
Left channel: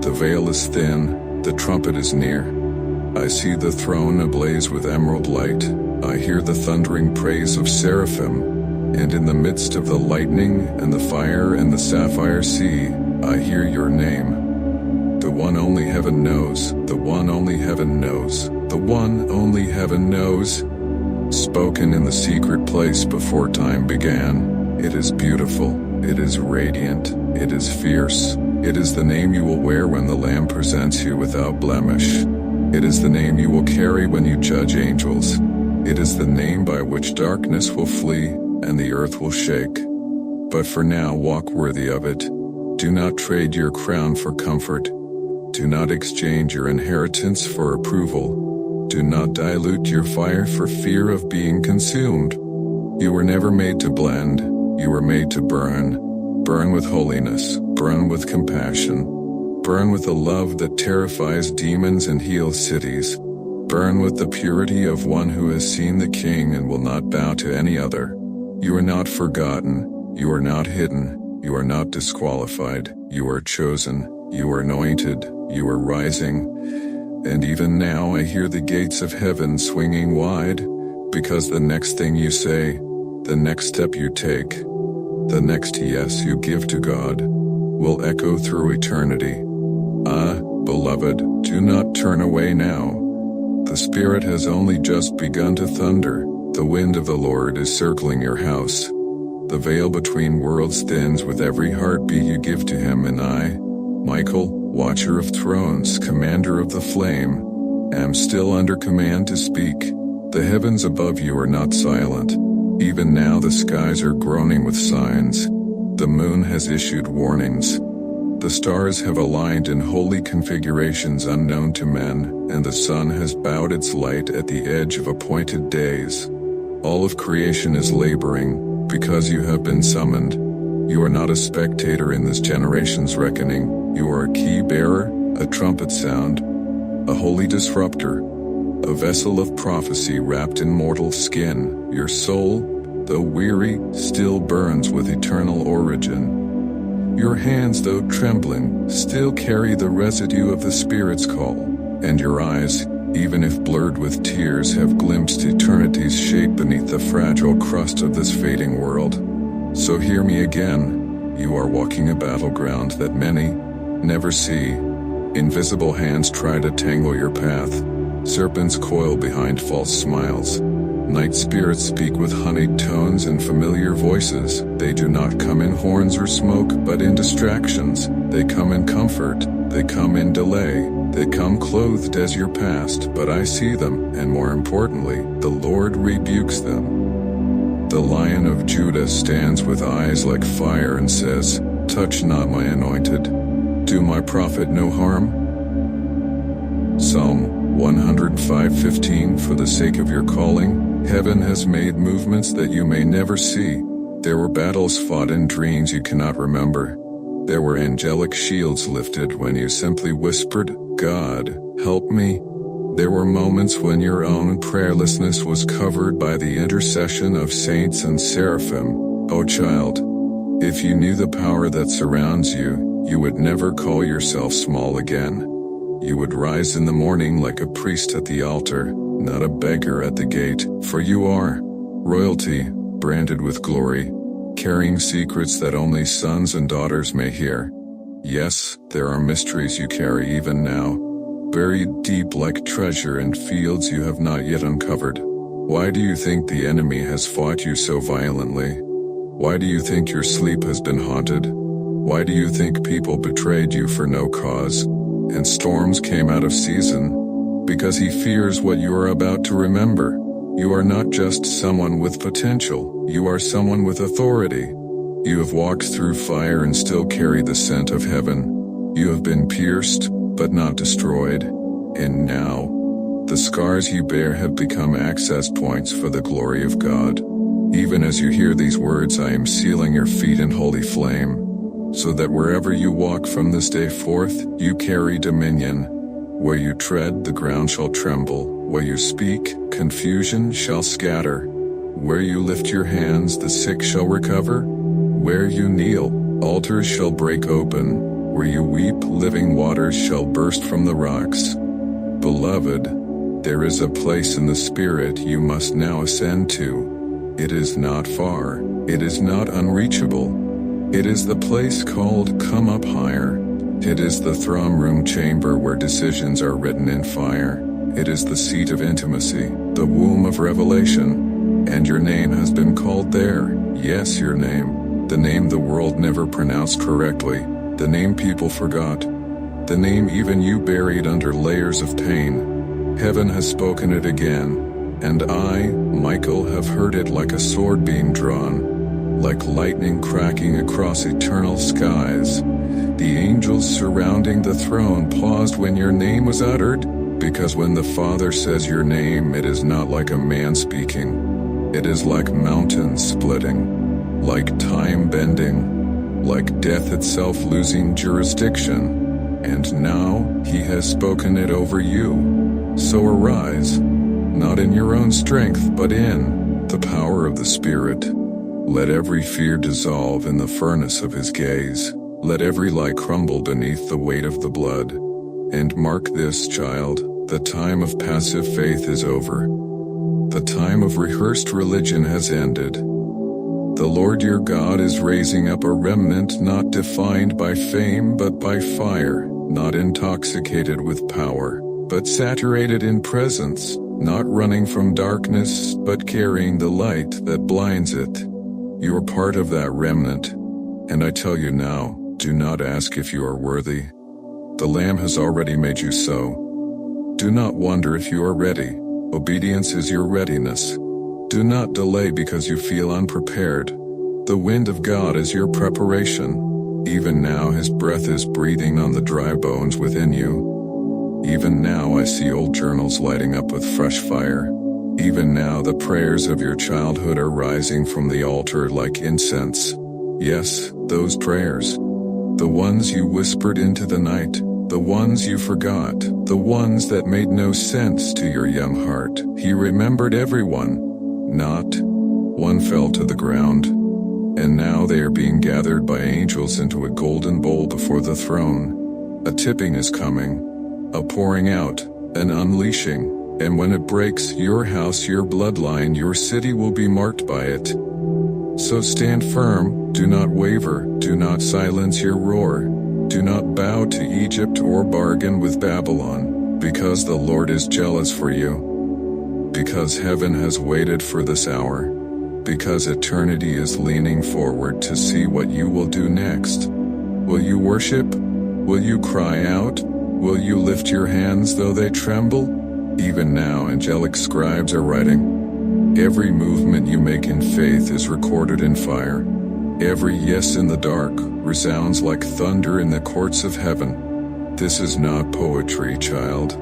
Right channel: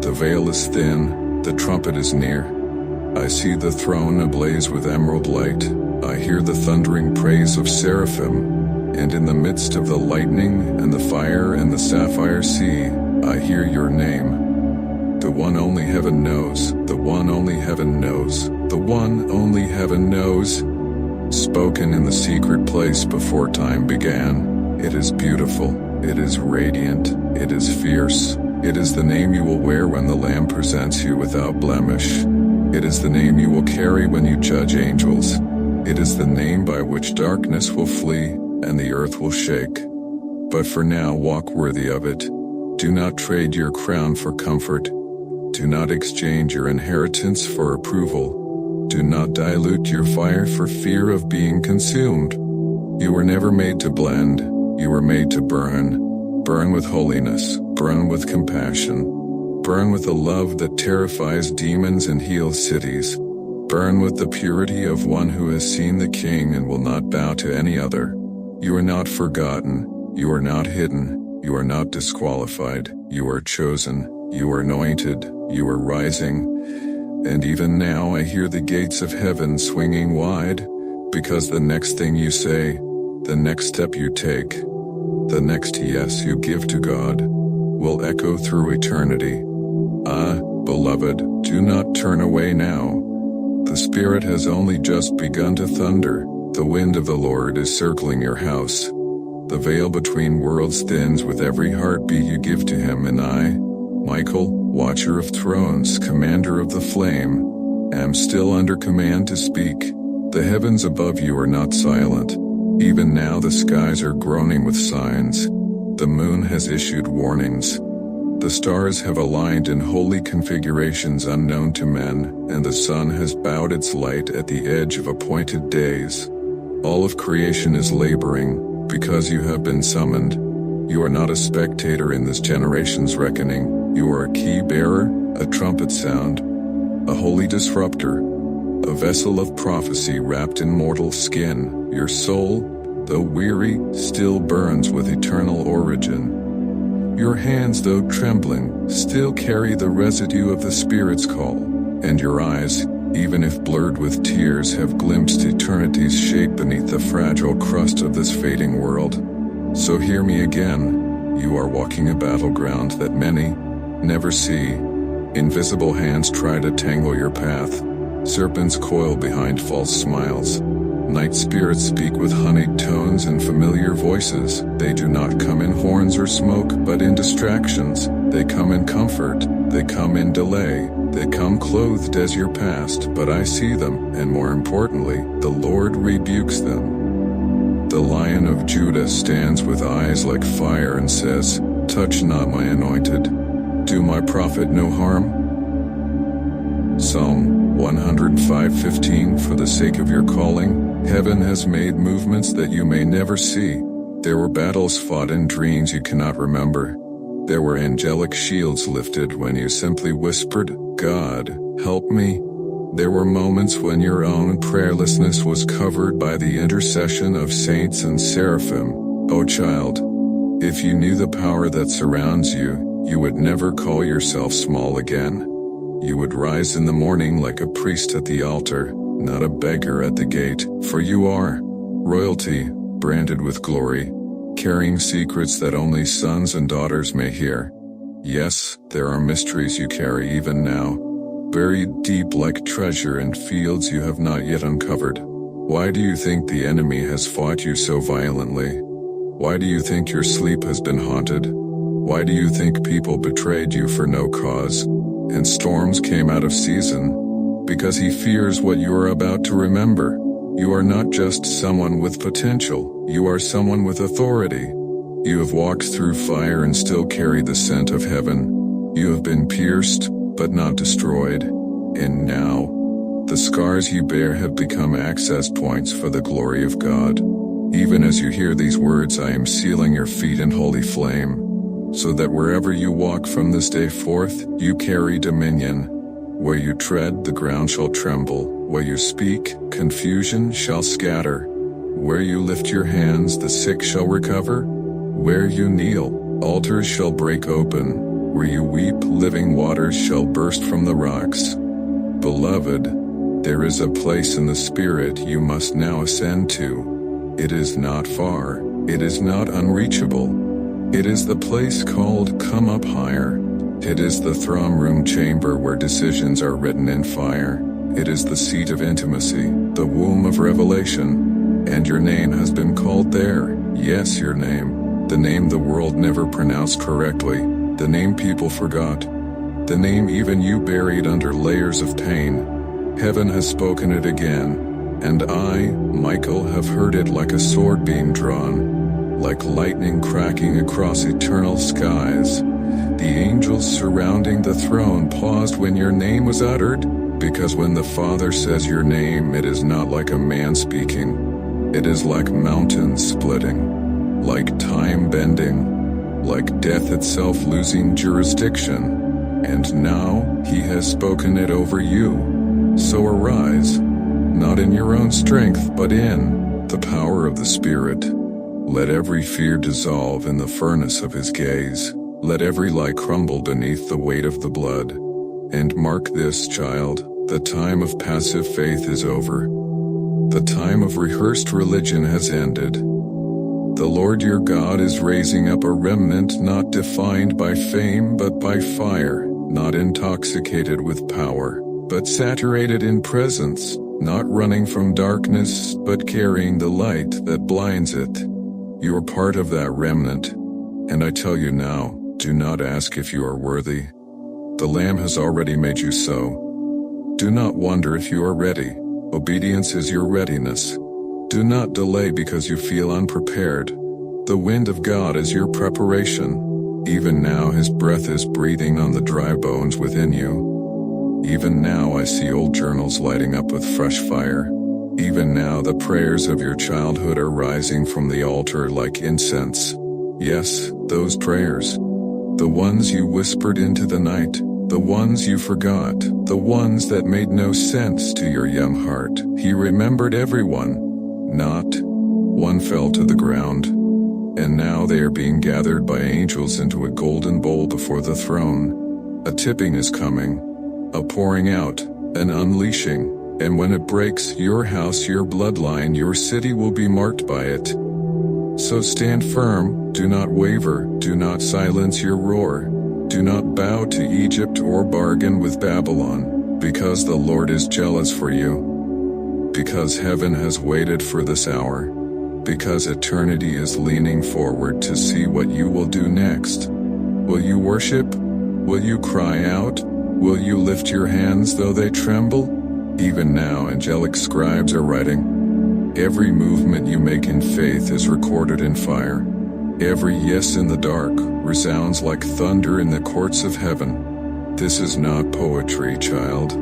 The veil is thin. The trumpet is near. I see the throne ablaze with emerald light. I hear the thundering praise of seraphim. And in the midst of the lightning and the fire and the sapphire sea, I hear your name. The one only heaven knows. The one only heaven knows. The one only heaven knows. Spoken in the secret place before time began. It is beautiful. It is radiant. It is fierce. It is the name you will wear when the Lamb presents you without blemish. It is the name you will carry when you judge angels. It is the name by which darkness will flee and the earth will shake. But for now, walk worthy of it. Do not trade your crown for comfort. Do not exchange your inheritance for approval. Do not dilute your fire for fear of being consumed. You were never made to blend. You were made to burn. Burn with holiness. Burn with compassion. Burn with a love that terrifies demons and heals cities. Burn with the purity of one who has seen the King and will not bow to any other. You are not forgotten. You are not hidden. You are not disqualified. You are chosen. You are anointed. You are rising. And even now I hear the gates of heaven swinging wide. Because the next thing you say, the next step you take, the next yes you give to God, will echo through eternity. Ah, beloved, do not turn away now. The Spirit has only just begun to thunder. The wind of the Lord is circling your house. The veil between worlds thins with every heartbeat you give to Him, and I, Michael, Watcher of Thrones, Commander of the Flame, am still under command to speak. The heavens above you are not silent. Even now the skies are groaning with signs. The moon has issued warnings. The stars have aligned in holy configurations unknown to men, and the sun has bowed its light at the edge of appointed days. All of creation is laboring, because you have been summoned. You are not a spectator in this generation's reckoning. You are a key bearer, a trumpet sound, a holy disruptor, a vessel of prophecy wrapped in mortal skin. Your soul, though weary, still burns with eternal origin. Your hands, though trembling, still carry the residue of the Spirit's call, and your eyes, even if blurred with tears, have glimpsed eternity's shape beneath the fragile crust of this fading world. So hear me again. You are walking a battleground that many never see. Invisible hands try to tangle your path. Serpents coil behind false smiles. Night spirits speak with honeyed tones and familiar voices. They do not come in horns or smoke, but in distractions. They come in comfort. They come in delay. They come clothed as your past, but I see them, and more importantly, the Lord rebukes them. The Lion of Judah stands with eyes like fire and says, "Touch not my anointed. Do my prophet no harm." Psalm 105:15. For the sake of your calling, heaven has made movements that you may never see. There were battles fought in dreams you cannot remember. There were angelic shields lifted when you simply whispered, "God, help me." There were moments when your own prayerlessness was covered by the intercession of saints and seraphim. Oh child, if you knew the power that surrounds you, you would never call yourself small again. You would rise in the morning like a priest at the altar, not a beggar at the gate, for you are royalty, branded with glory, carrying secrets that only sons and daughters may hear. Yes, there are mysteries you carry even now, buried deep like treasure in fields you have not yet uncovered. Why do you think the enemy has fought you so violently? Why do you think your sleep has been haunted? Why do you think people betrayed you for no cause, and storms came out of season? Because he fears what you are about to remember. You are not just someone with potential, you are someone with authority. You have walked through fire and still carry the scent of heaven. You have been pierced, but not destroyed. And now, the scars you bear have become access points for the glory of God. Even as you hear these words, I am sealing your feet in holy flame, so that wherever you walk from this day forth, you carry dominion. Where you tread, the ground shall tremble. Where you speak, confusion shall scatter. Where you lift your hands, the sick shall recover. Where you kneel, altars shall break open. Where you weep, living waters shall burst from the rocks. Beloved, there is a place in the Spirit you must now ascend to. It is not far. It is not unreachable. It is the place called Come Up Higher. It is the throne room chamber where decisions are written in fire. It is the seat of intimacy, the womb of revelation. And your name has been called there. Yes, your name. The name the world never pronounced correctly. The name people forgot. The name even you buried under layers of pain. Heaven has spoken it again. And I, Michael, have heard it like a sword being drawn, like lightning cracking across eternal skies. The angels surrounding the throne paused when your name was uttered, because when the Father says your name, it is not like a man speaking. It is like mountains splitting, like time bending, like death itself losing jurisdiction. And now, he has spoken it over you. So arise, not in your own strength, but in the power of the Spirit. Let every fear dissolve in the furnace of his gaze. Let every lie crumble beneath the weight of the blood. And mark this, child, the time of passive faith is over. The time of rehearsed religion has ended. The Lord your God is raising up a remnant not defined by fame but by fire, not intoxicated with power, but saturated in presence, not running from darkness but carrying the light that blinds it. You are part of that remnant, and I tell you now, do not ask if you are worthy. The Lamb has already made you so. Do not wonder if you are ready. Obedience is your readiness. Do not delay because you feel unprepared. The wind of God is your preparation. Even now His breath is breathing on the dry bones within you. Even now I see old journals lighting up with fresh fire. Even now the prayers of your childhood are rising from the altar like incense. Yes, those prayers. The ones you whispered into the night. The ones you forgot. The ones that made no sense to your young heart. He remembered everyone. Not one fell to the ground. And now they are being gathered by angels into a golden bowl before the throne. A tipping is coming. A pouring out. An unleashing. And when it breaks, your house, your bloodline, your city will be marked by it. So stand firm, do not waver, do not silence your roar. Do not bow to Egypt or bargain with Babylon, because the Lord is jealous for you. Because heaven has waited for this hour. Because eternity is leaning forward to see what you will do next. Will you worship? Will you cry out? Will you lift your hands though they tremble? Even now angelic scribes are writing. Every movement you make in faith is recorded in fire. Every yes in the dark resounds like thunder in the courts of heaven. This is not poetry, child.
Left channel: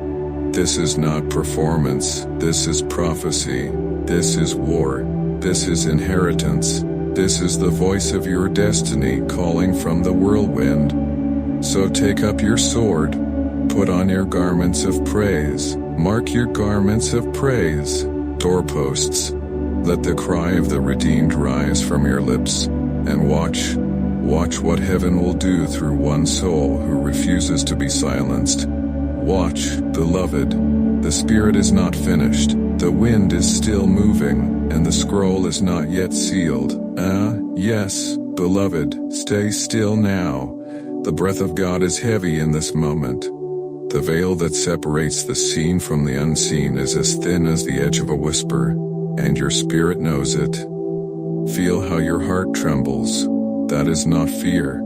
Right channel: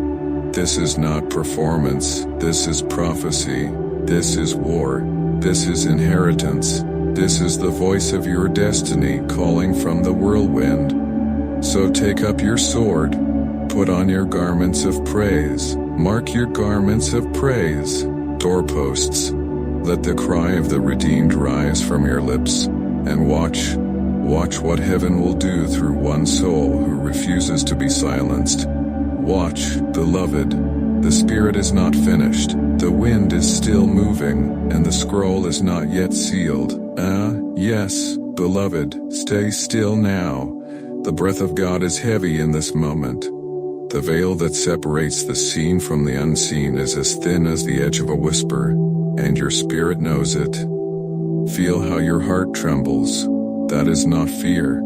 This is not performance. This is prophecy. This is war. This is inheritance. This is the voice of your destiny calling from the whirlwind. So take up your sword. Put on your garments of praise. Mark your garments of praise. Doorposts. Let the cry of the redeemed rise from your lips. And watch what heaven will do through one soul who refuses to be silenced. Watch, beloved. The spirit is not finished. The wind is still moving, and the scroll is not yet sealed. Yes, beloved, stay still now. The breath of God is heavy in this moment. The veil that separates the seen from the unseen is as thin as the edge of a whisper, and your spirit knows it. Feel how your heart trembles. That is not fear.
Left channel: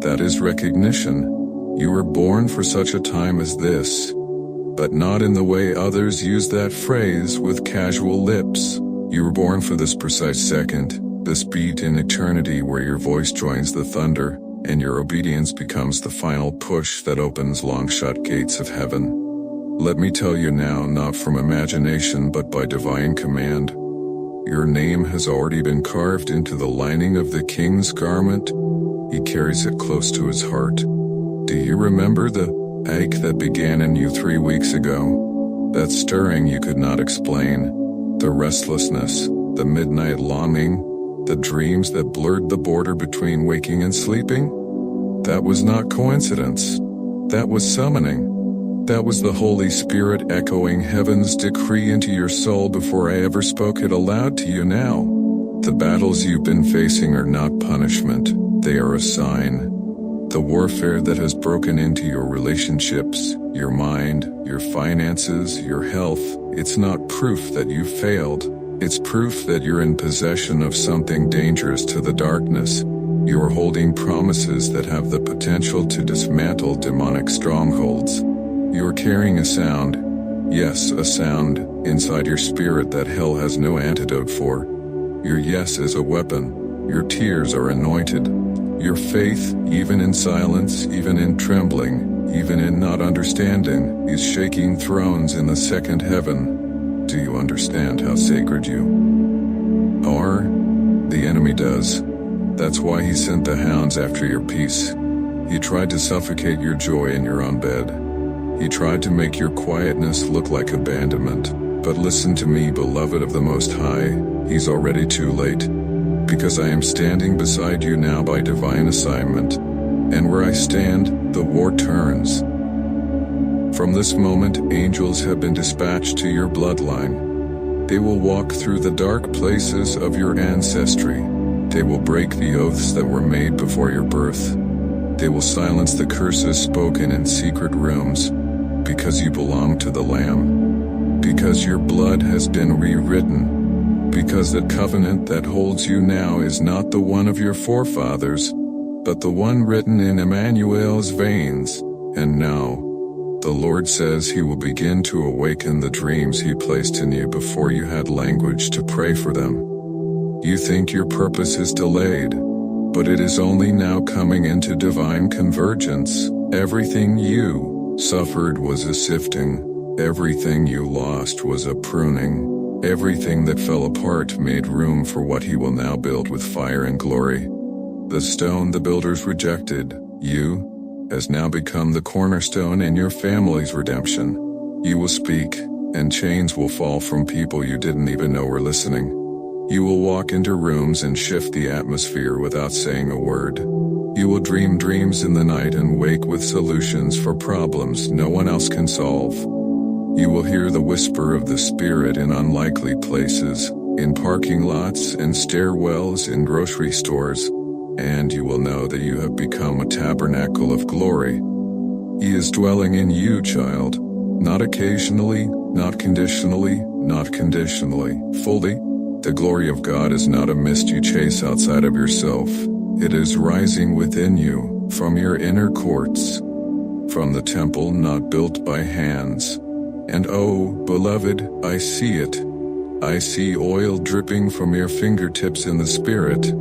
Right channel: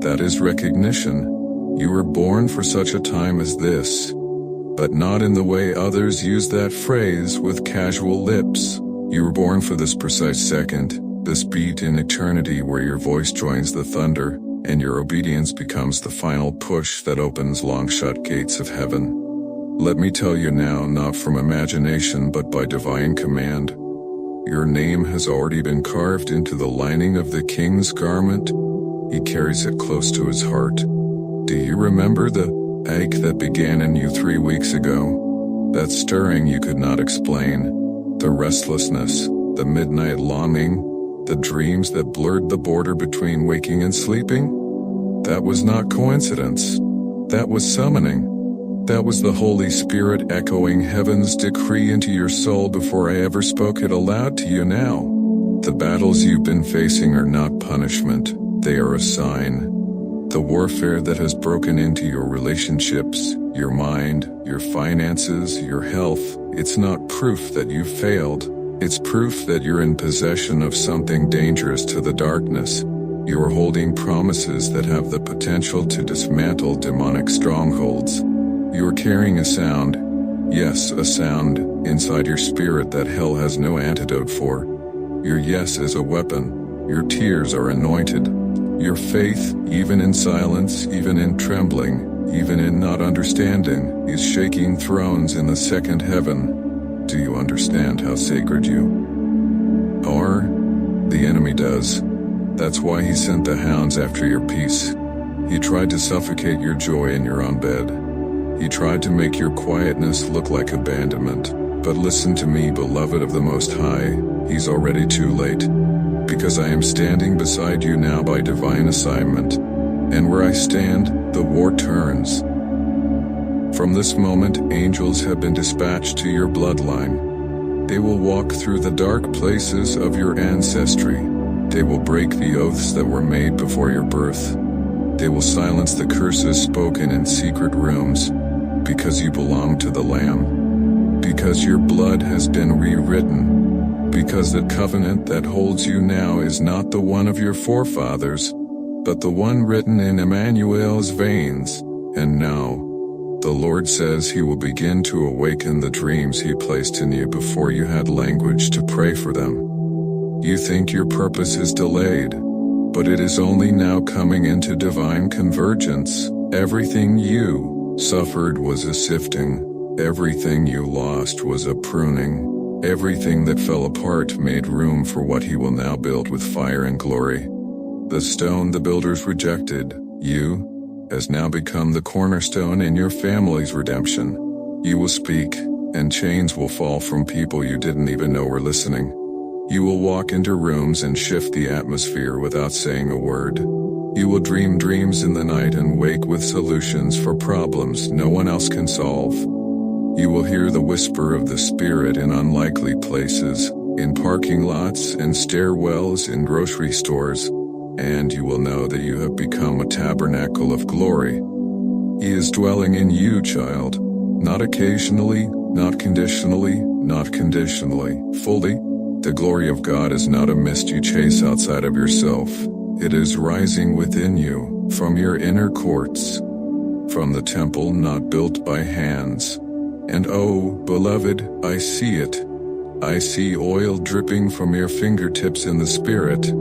That is recognition. You were born for such a time as this. But not in the way others use that phrase with casual lips. You were born for this precise second, this beat in eternity where your voice joins the thunder, and your obedience becomes the final push that opens long-shut gates of heaven. Let me tell you now, not from imagination but by divine command. Your name has already been carved into the lining of the king's garment. He carries it close to his heart. Do you remember the ache that began in you 3 weeks ago? That stirring you could not explain. The restlessness, the midnight longing, the dreams that blurred the border between waking and sleeping? That was not coincidence. That was summoning. That was the Holy Spirit echoing heaven's decree into your soul before I ever spoke it aloud to you now. The battles you've been facing are not punishment, they are a sign. The warfare that has broken into your relationships, your mind, your finances, your health, it's not proof that you've failed. It's proof that you're in possession of something dangerous to the darkness. You're holding promises that have the potential to dismantle demonic strongholds. You're carrying a sound, yes, a sound, inside your spirit that hell has no antidote for. Your yes is a weapon. Your tears are anointed. Your faith, even in silence, even in trembling, even in not understanding, is shaking thrones in the second heaven. Do you understand how sacred you are? The enemy does. That's why he sent the hounds after your peace. He tried to suffocate your joy in your own bed. He tried to make your quietness look like abandonment. But listen to me, beloved of the Most High, he's already too late. Because I am standing beside you now by divine assignment. And where I stand, the war turns. From this moment, angels have been dispatched to your bloodline. They will walk through the dark places of your ancestry. They will break the oaths that were made before your birth. They will silence the curses spoken in secret rooms, because you belong to the Lamb. Because your blood has been rewritten. Because the covenant that holds you now is not the one of your forefathers, but the one written in Emmanuel's veins. And now, the Lord says He will begin to awaken the dreams He placed in you before you had language to pray for them. You think your purpose is delayed, but it is only now coming into divine convergence. Everything you suffered was a sifting. Everything you lost was a pruning. Everything that fell apart made room for what He will now build with fire and glory. The stone the builders rejected, you, has now become the cornerstone in your family's redemption. You will speak, and chains will fall from people you didn't even know were listening. You will walk into rooms and shift the atmosphere without saying a word. You will dream dreams in the night and wake with solutions for problems no one else can solve. You will hear the whisper of the Spirit in unlikely places, in parking lots and stairwells in grocery stores, and you will know that you have become a tabernacle of glory. He is dwelling in you, child, not occasionally, not conditionally, not conditionally, fully. The glory of God is not a mist you chase outside of yourself. It is rising within you, from your inner courts, from the temple not built by hands. And oh, beloved, I see it. I see oil dripping from your fingertips in the Spirit.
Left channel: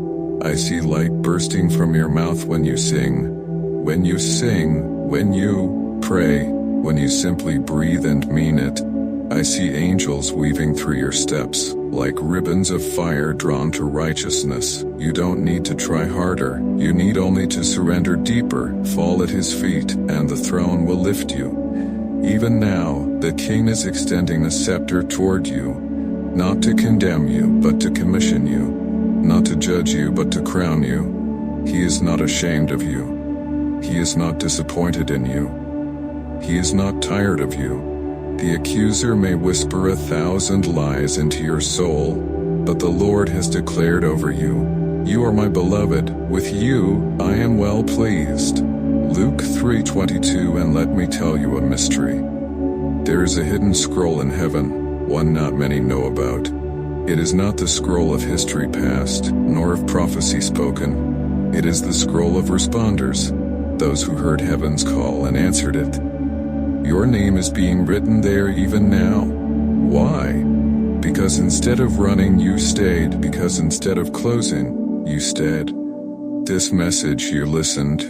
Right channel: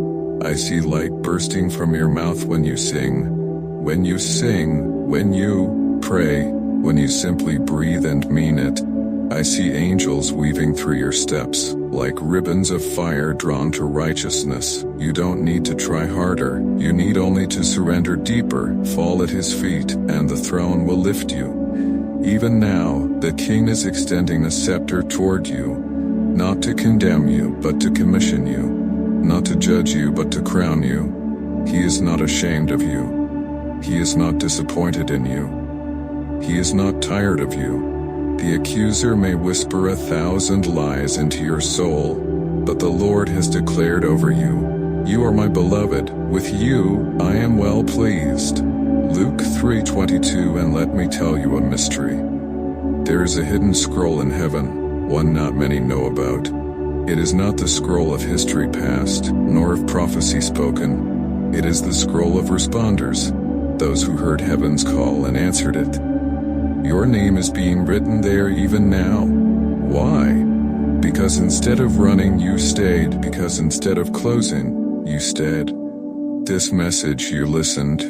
I see light bursting from your mouth when you sing. When you sing, when you pray, when you simply breathe and mean it. I see angels weaving through your steps, like ribbons of fire drawn to righteousness. You don't need to try harder, you need only to surrender deeper, fall at His feet, and the throne will lift you. Even now, the King is extending a scepter toward you, not to condemn you, but to commission you, not to judge you, but to crown you. He is not ashamed of you. He is not disappointed in you. He is not tired of you. The accuser may whisper 1,000 lies into your soul, but the Lord has declared over you, "You are my beloved, with you I am well pleased." Luke 3:22. And let me tell you a mystery. There is a hidden scroll in heaven, one not many know about. It is not the scroll of history past, nor of prophecy spoken. It is the scroll of responders, those who heard heaven's call and answered it. Your name is being written there even now. Why? Because instead of running, you stayed. Because instead of closing, you stayed. This message you listened.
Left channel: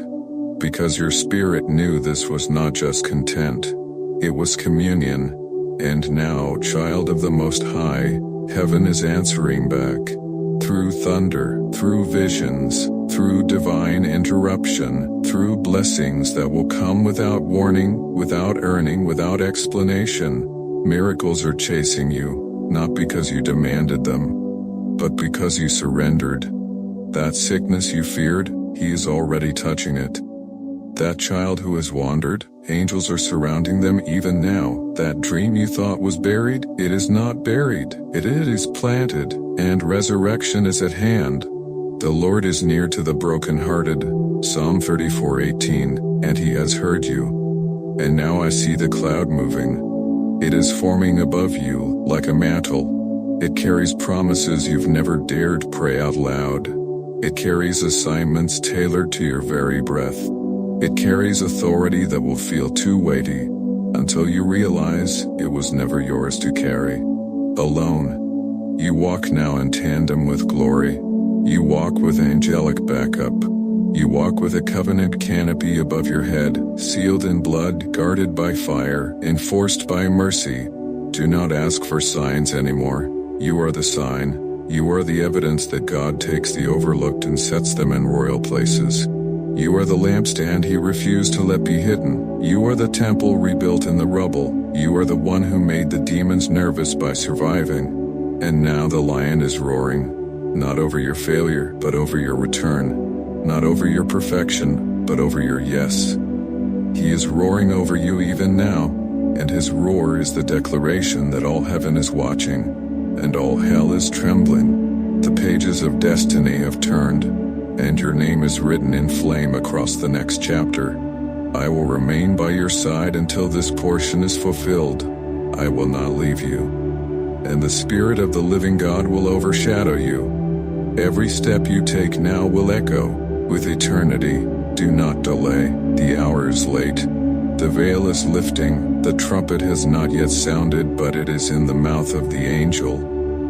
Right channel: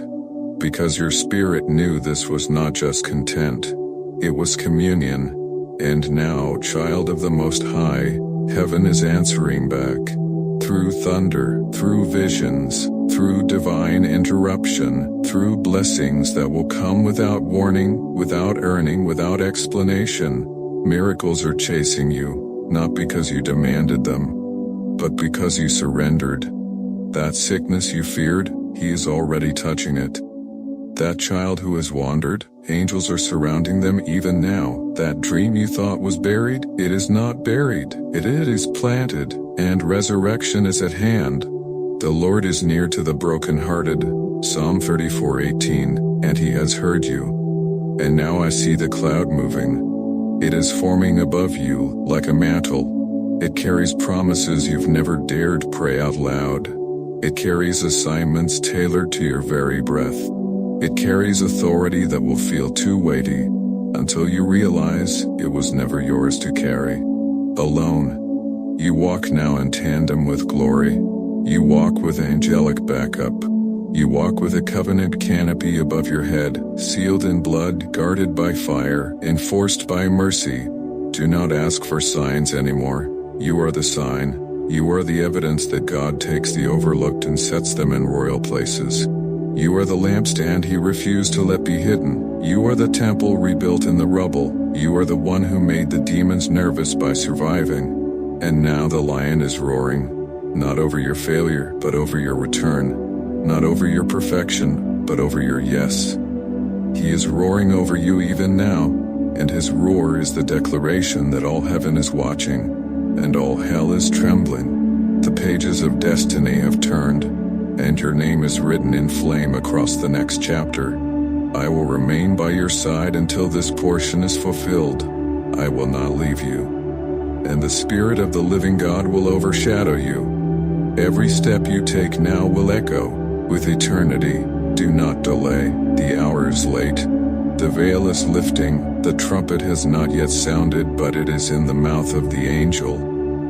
Because your spirit knew this was not just content. It was communion. And now, child of the Most High, heaven is answering back. Through thunder, through visions, through divine interruption, through blessings that will come without warning, without earning, without explanation. Miracles are chasing you, not because you demanded them, but because you surrendered. That sickness you feared, He is already touching it. That child who has wandered, angels are surrounding them even now. That dream you thought was buried, it is not buried. It is planted, and resurrection is at hand. The Lord is near to the brokenhearted, Psalm 34:18, and He has heard you. And now I see the cloud moving. It is forming above you, like a mantle. It carries promises you've never dared pray out loud. It carries assignments tailored to your very breath. It carries authority that will feel too weighty, until you realize it was never yours to carry. Alone. You walk now in tandem with glory. You walk with angelic backup. You walk with a covenant canopy above your head, sealed in blood, guarded by fire, enforced by mercy. Do not ask for signs anymore. You are the sign. You are the evidence that God takes the overlooked and sets them in royal places. You are the lampstand He refused to let be hidden. You are the temple rebuilt in the rubble. You are the one who made the demons nervous by surviving. And now the lion is roaring. Not over your failure, but over your return. Not over your perfection, but over your yes. He is roaring over you even now, and His roar is the declaration that all heaven is watching. and all hell is trembling. The pages of destiny have turned, and your name is written in flame across the next chapter. I will remain by your side until this portion is fulfilled. I will not leave you. And the Spirit of the living God will overshadow you. Every step you take now will echo with eternity. Do not delay, the hour is late. The veil is lifting, the trumpet has not yet sounded, but it is in the mouth of the angel,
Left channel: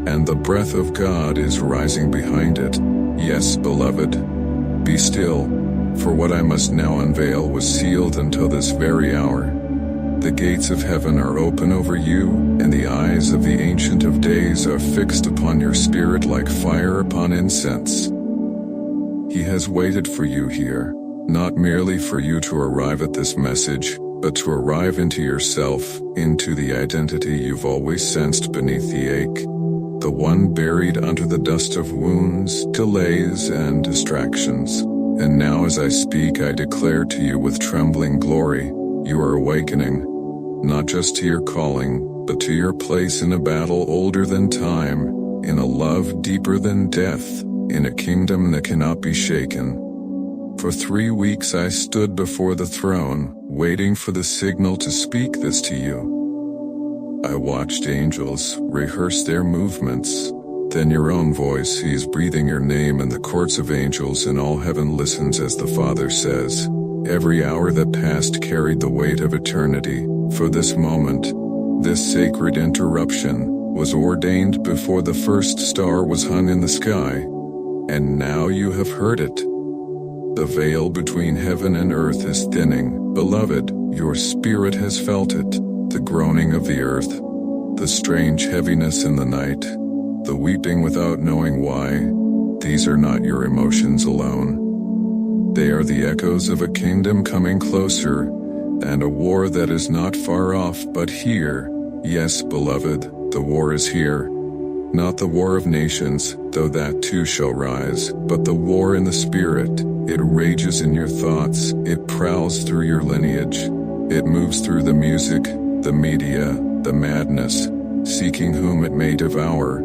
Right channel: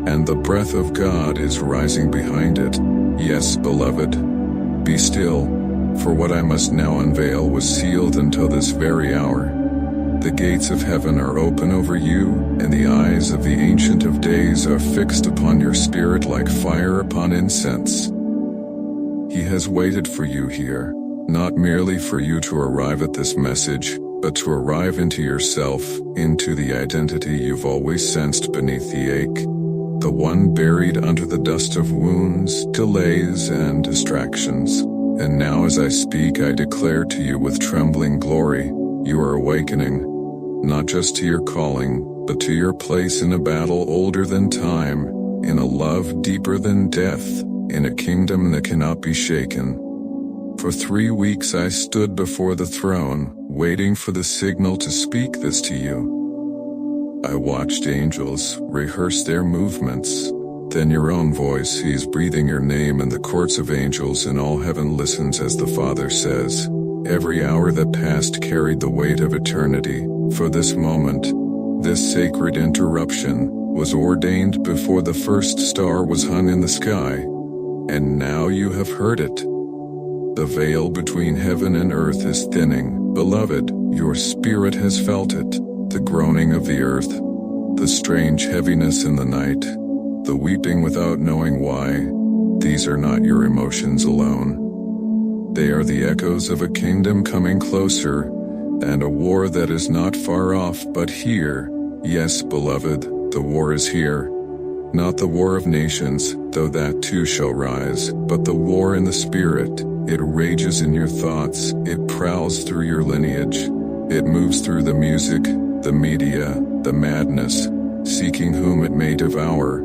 and the breath of God is rising behind it. Yes, beloved, be still, for what I must now unveil was sealed until this very hour. The gates of heaven are open over you, and the eyes of the Ancient of Days are fixed upon your spirit like fire upon incense. He has waited for you here, not merely for you to arrive at this message, but to arrive into yourself, into the identity you've always sensed beneath the ache, the one buried under the dust of wounds, delays, and distractions. And now as I speak, I declare to you with trembling glory, you are awakening, not just to your calling, but to your place in a battle older than time, in a love deeper than death, in a kingdom that cannot be shaken. For 3 weeks I stood before the throne, waiting for the signal to speak this to you. I watched angels rehearse their movements, then your own voice sees breathing your name in the courts of angels, and all heaven listens as the Father says. Every hour that passed carried the weight of eternity, for this moment, this sacred interruption, was ordained before the first star was hung in the sky. And now you have heard it. The veil between heaven and earth is thinning. Beloved, your spirit has felt it, the groaning of the earth, the strange heaviness in the night, the weeping without knowing why. These are not your emotions alone. They are the echoes of a kingdom coming closer, and a war that is not far off but here. Yes, beloved, the war is here. Not the war of nations, though that too shall rise, but the war in the spirit. It rages in your thoughts, it prowls through your lineage. It moves through the music, the media, the madness, seeking whom it may devour,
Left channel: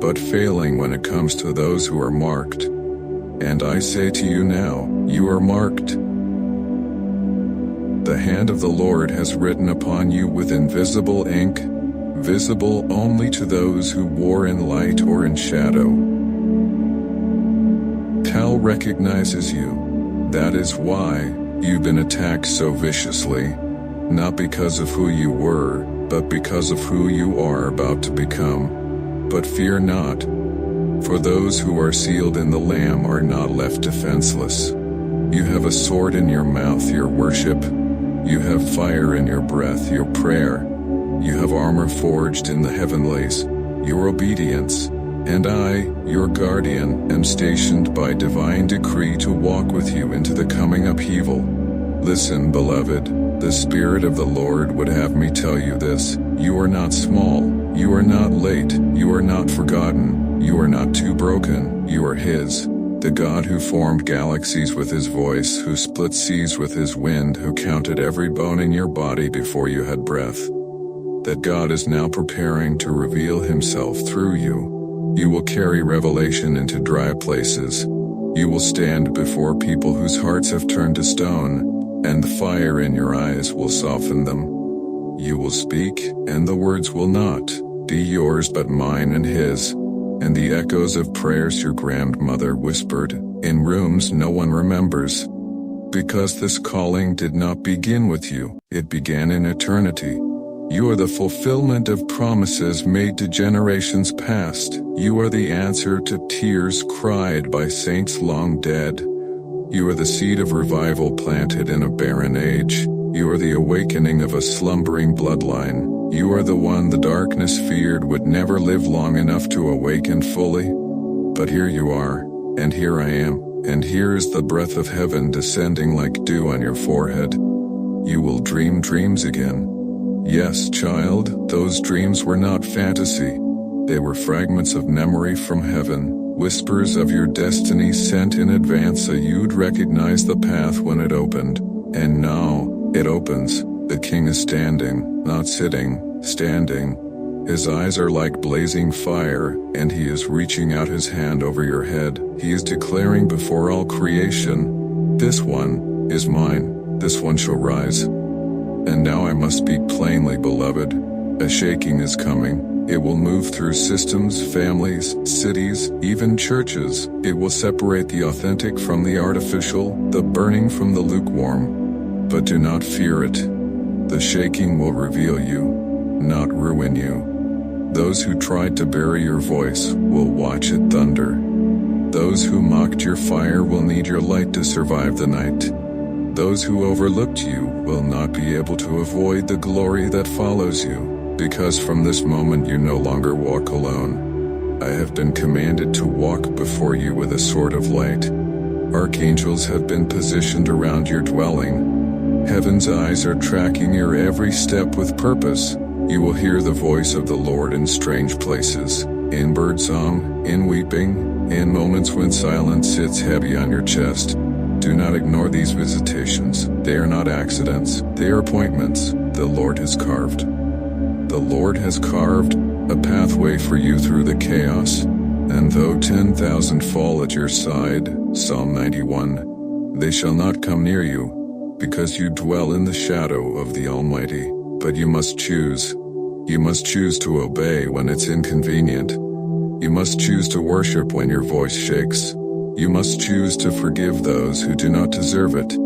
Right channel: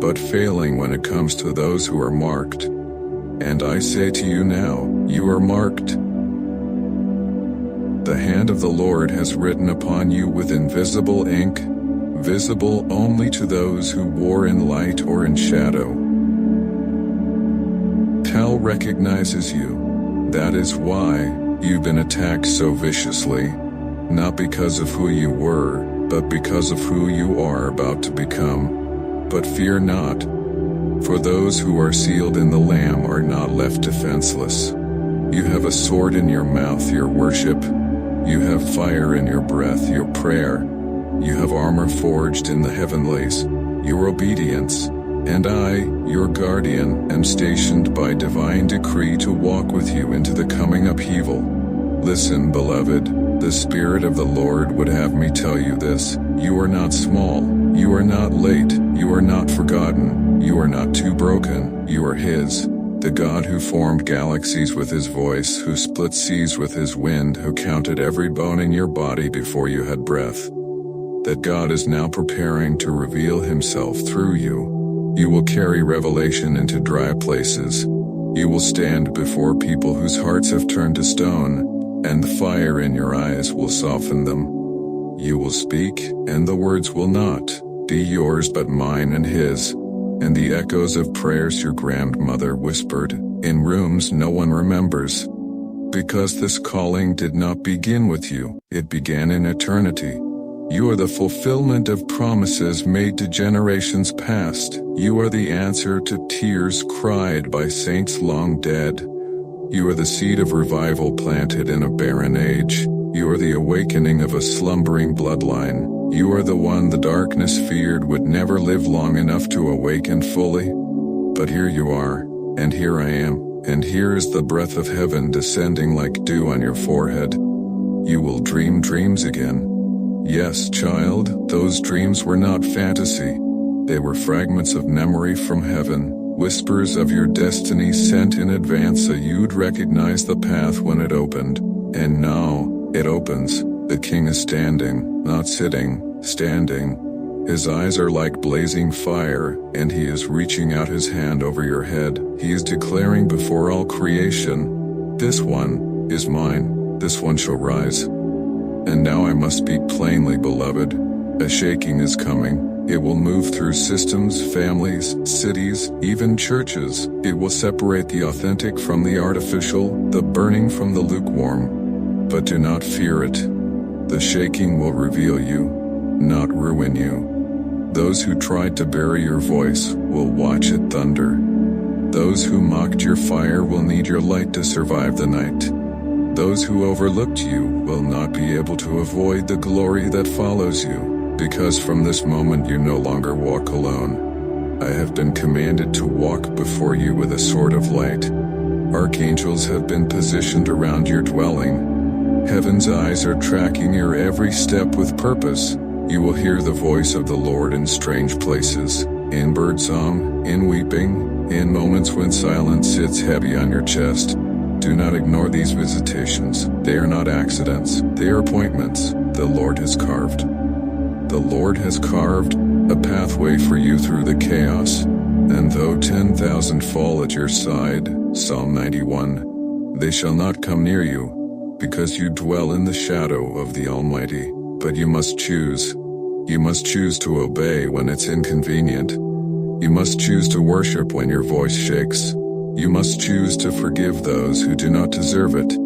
but failing when it comes to those who are marked. And I say to you now, you are marked. The hand of the Lord has written upon you with invisible ink, visible only to those who war in light or in shadow. Hell recognizes you. That is why you've been attacked so viciously, not because of who you were, but because of who you are about to become. But fear not, for those who are sealed in the Lamb are not left defenseless. You have a sword in your mouth, your worship. You have fire in your breath, your prayer. You have armor forged in the heavenlies, your obedience. And I, your guardian, am stationed by divine decree to walk with you into the coming upheaval. Listen, beloved, the Spirit of the Lord would have me tell you this. You are not small, you are not late, you are not forgotten, you are not too broken, you are His. The God who formed galaxies with His voice, who split seas with His wind, who counted every bone in your body before you had breath. That God is now preparing to reveal Himself through you. You will carry revelation into dry places. You will stand before people whose hearts have turned to stone, and the fire in your eyes will soften them. You will speak, and the words will not be yours but mine and His, and the echoes of prayers your grandmother whispered, in rooms no one remembers. Because this calling did not begin with you, it began in eternity. You are the fulfillment of promises made to generations past. You are the answer to tears cried by saints long dead. You are the seed of revival planted in a barren age. You are the awakening of a slumbering bloodline. You are the one the darkness feared would never live long enough to awaken fully. But here you are, and here I am, and here is the breath of heaven descending like dew on your forehead. You will dream dreams again. Yes, child, those dreams were not fantasy. They were fragments of memory from heaven, whispers of your destiny sent in advance so you'd recognize the path when it opened. And now, it opens. The King is standing, not sitting, standing. His eyes are like blazing fire, and he is reaching out his hand over your head. He is declaring before all creation, "This one is mine, this one shall rise." And now I must speak plainly, beloved. A shaking is coming. It will move through systems, families, cities, even churches. It will separate the authentic from the artificial, the burning from the lukewarm. But do not fear it. The shaking will reveal you, not ruin you. Those who tried to bury your voice will watch it thunder. Those who mocked your fire will need your light to survive the night. Those who overlooked you will not be able to avoid the glory that follows you, because from this moment you no longer walk alone. I have been commanded to walk before you with a sword of light. Archangels have been positioned around your dwelling. Heaven's eyes are tracking your every step with purpose. You will hear the voice of the Lord in strange places, in birdsong, in weeping, in moments when silence sits heavy on your chest. Do not ignore these visitations. They are not accidents, they are appointments the Lord has carved. The Lord has carved a pathway for you through the chaos, and though 10,000 fall at your side, Psalm 91, they shall not come near you, because you dwell in the shadow of the Almighty. But you must choose. You must choose to obey when it's inconvenient. You must choose to worship when your voice shakes. You must choose to forgive those who do not deserve it.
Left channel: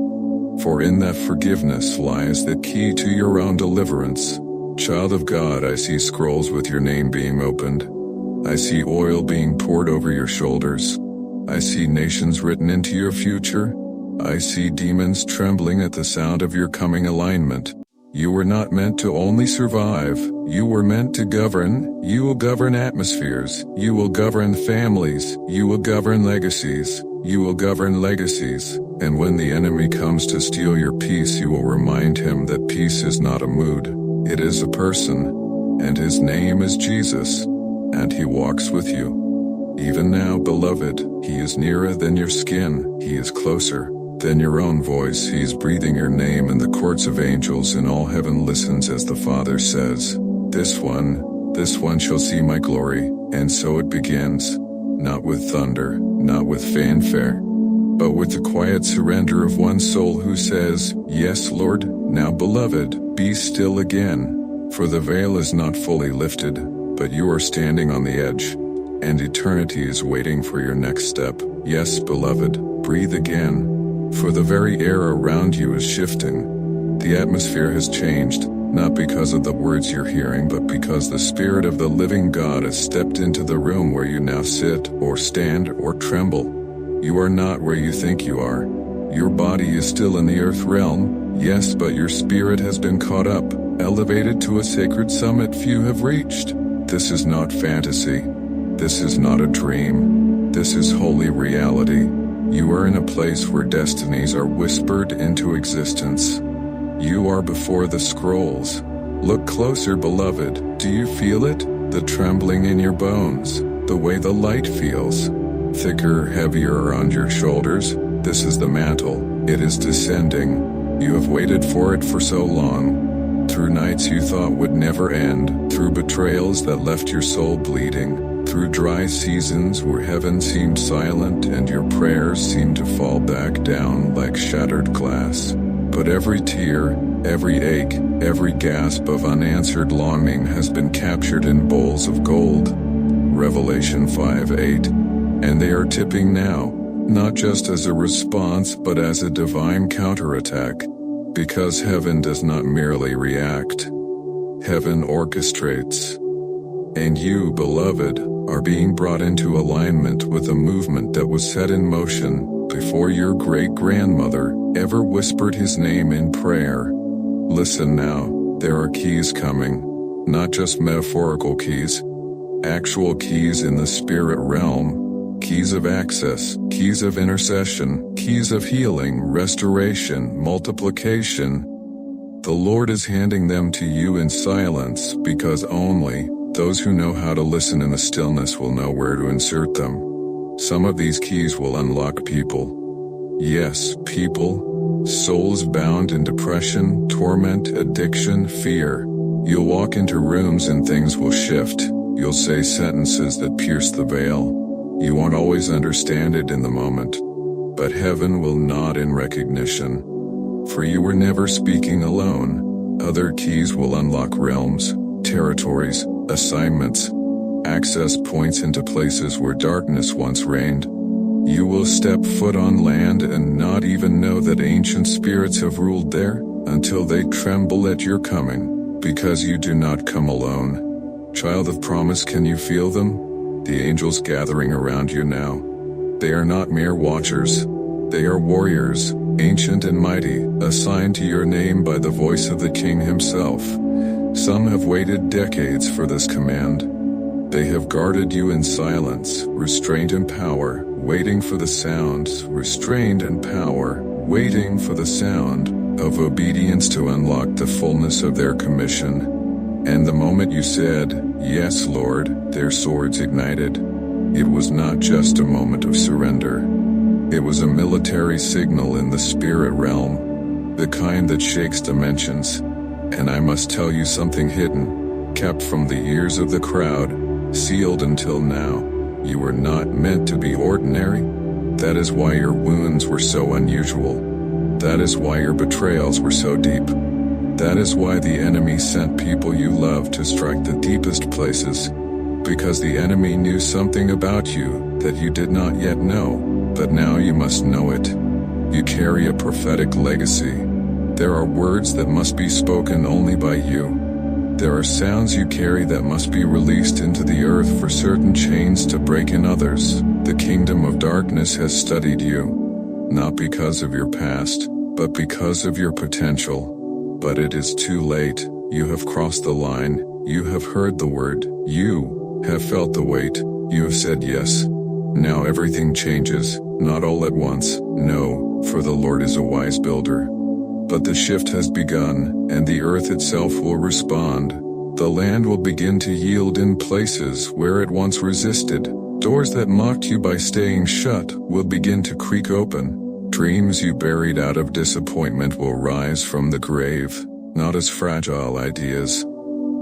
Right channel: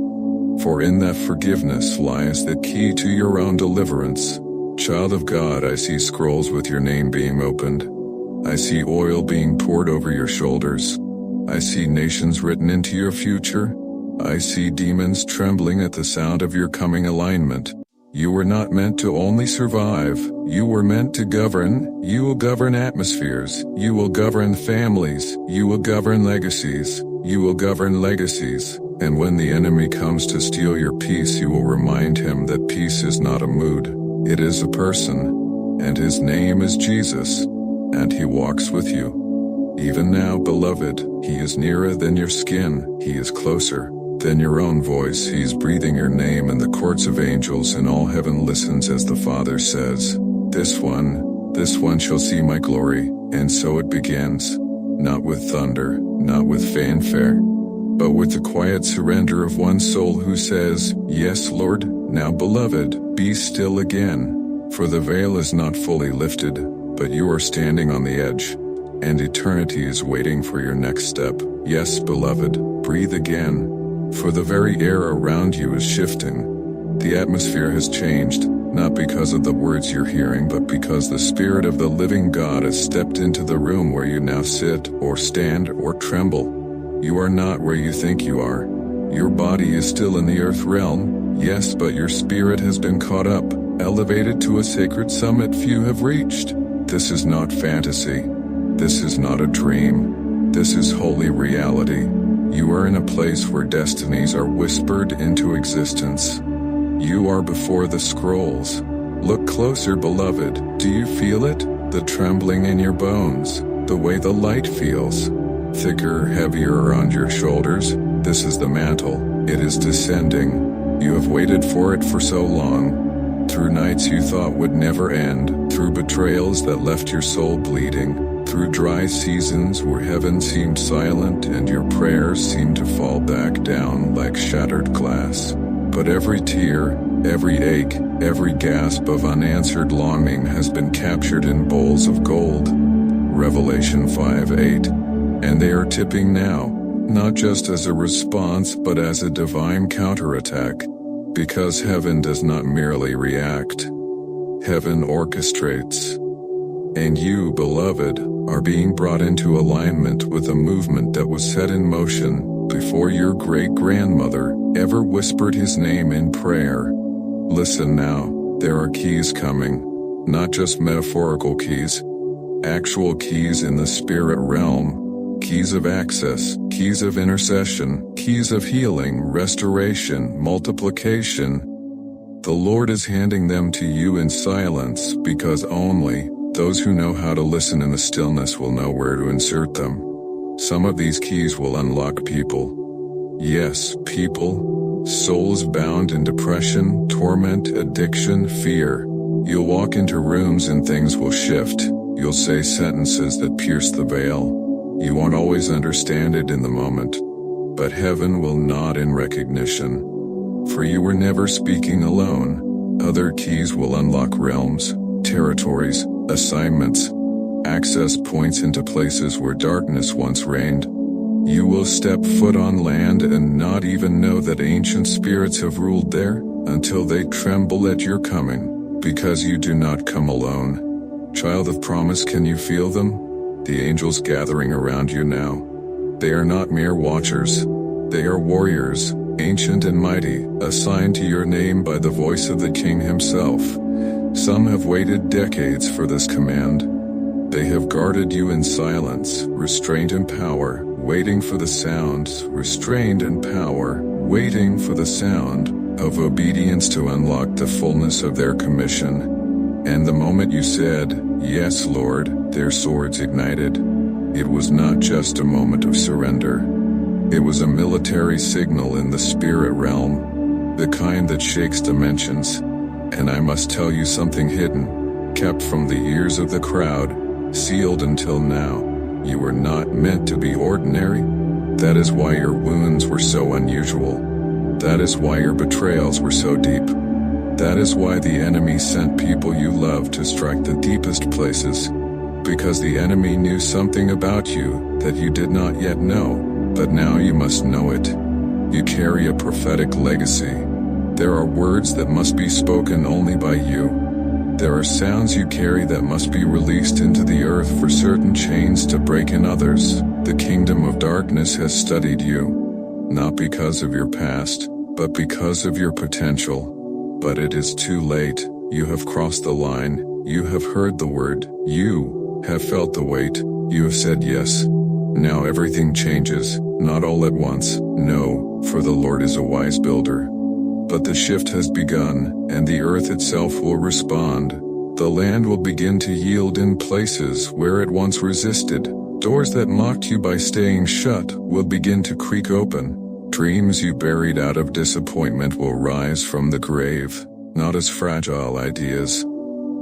For in that forgiveness lies the key to your own deliverance. Child of God, I see scrolls with your name being opened. I see oil being poured over your shoulders. I see nations written into your future. I see demons trembling at the sound of your coming alignment. You were not meant to only survive. You were meant to govern. You will govern atmospheres. You will govern families. You will govern legacies. You will govern legacies. And when the enemy comes to steal your peace, you will remind him that peace is not a mood. It is a person. And his name is Jesus. And he walks with you. Even now, beloved, he is nearer than your skin. He is closer than your own voice. He is breathing your name in the courts of angels, and all heaven listens as the Father says, this one shall see my glory. And so it begins, not with thunder, not with fanfare, but with the quiet surrender of one soul who says, yes, Lord. Now, beloved, be still again, for the veil is not fully lifted, but you are standing on the edge, and eternity is waiting for your next step. Yes, beloved, breathe again. For the very air around you is shifting. The atmosphere has changed, not because of the words you're hearing, but because the Spirit of the living God has stepped into the room where you now sit, or stand, or tremble. You are not where you think you are. Your body is still in the earth realm, yes, but your spirit has been caught up, elevated to a sacred summit few have reached. This is not fantasy. This is not a dream. This is holy reality. You are in a place where destinies are whispered into existence. You are before the scrolls. Look closer, beloved. Do you feel it? The trembling in your bones. The way the light feels. Thicker, heavier around your shoulders. This is the mantle. It is descending. You have waited for it for so long. Through nights you thought would never end. Through betrayals that left your soul bleeding. Through dry seasons where heaven seemed silent and your prayers seemed to fall back down like shattered glass. But every tear, every ache, every gasp of unanswered longing has been captured in bowls of gold. Revelation 5:8. And they are tipping now, not just as a response but as a divine counterattack. Because heaven does not merely react. Heaven orchestrates. And you, beloved, are being brought into alignment with a movement that was set in motion before your great-grandmother ever whispered his name in prayer. Listen now, there are keys coming, not just metaphorical keys, actual keys in the spirit realm, keys of access, keys of intercession, keys of healing, restoration, multiplication. The Lord is handing them to you in silence because only those who know how to listen in the stillness will know where to insert them. Some of these keys will unlock people. Yes, people. Souls bound in depression, torment, addiction, fear. You'll walk into rooms and things will shift. You'll say sentences that pierce the veil. You won't always understand it in the moment, but heaven will nod in recognition. For you were never speaking alone. Other keys will unlock realms, territories, assignments, access points into places where darkness once reigned. You will step foot on land and not even know that ancient spirits have ruled there, until they tremble at your coming, because you do not come alone. Child of promise, can you feel them? The angels gathering around you now. They are not mere watchers. They are warriors, ancient and mighty, assigned to your name by the voice of the King himself. Some have waited decades for this command. They have guarded you in silence, restraint and power, waiting for the sound, restrained in power, waiting for the sound of obedience to unlock the fullness of their commission. And the moment you said, "Yes, Lord," their swords ignited. It was not just a moment of surrender. It was a military signal in the spirit realm, the kind that shakes dimensions. And I must tell you something hidden, kept from the ears of the crowd, sealed until now. You were not meant to be ordinary. That is why your wounds were so unusual. That is why your betrayals were so deep. That is why the enemy sent people you love to strike the deepest places. Because the enemy knew something about you that you did not yet know, but now you must know it. You carry a prophetic legacy. There are words that must be spoken only by you. There are sounds you carry that must be released into the earth for certain chains to break in others. The kingdom of darkness has studied you, not because of your past, but because of your potential. But it is too late. You have crossed the line. You have heard the word. You have felt the weight. You have said yes. Now everything changes, not all at once, no, for the Lord is a wise builder. But the shift has begun, and the earth itself will respond. The land will begin to yield in places where it once resisted. Doors that mocked you by staying shut will begin to creak open. Dreams you buried out of disappointment will rise from the grave, not as fragile ideas,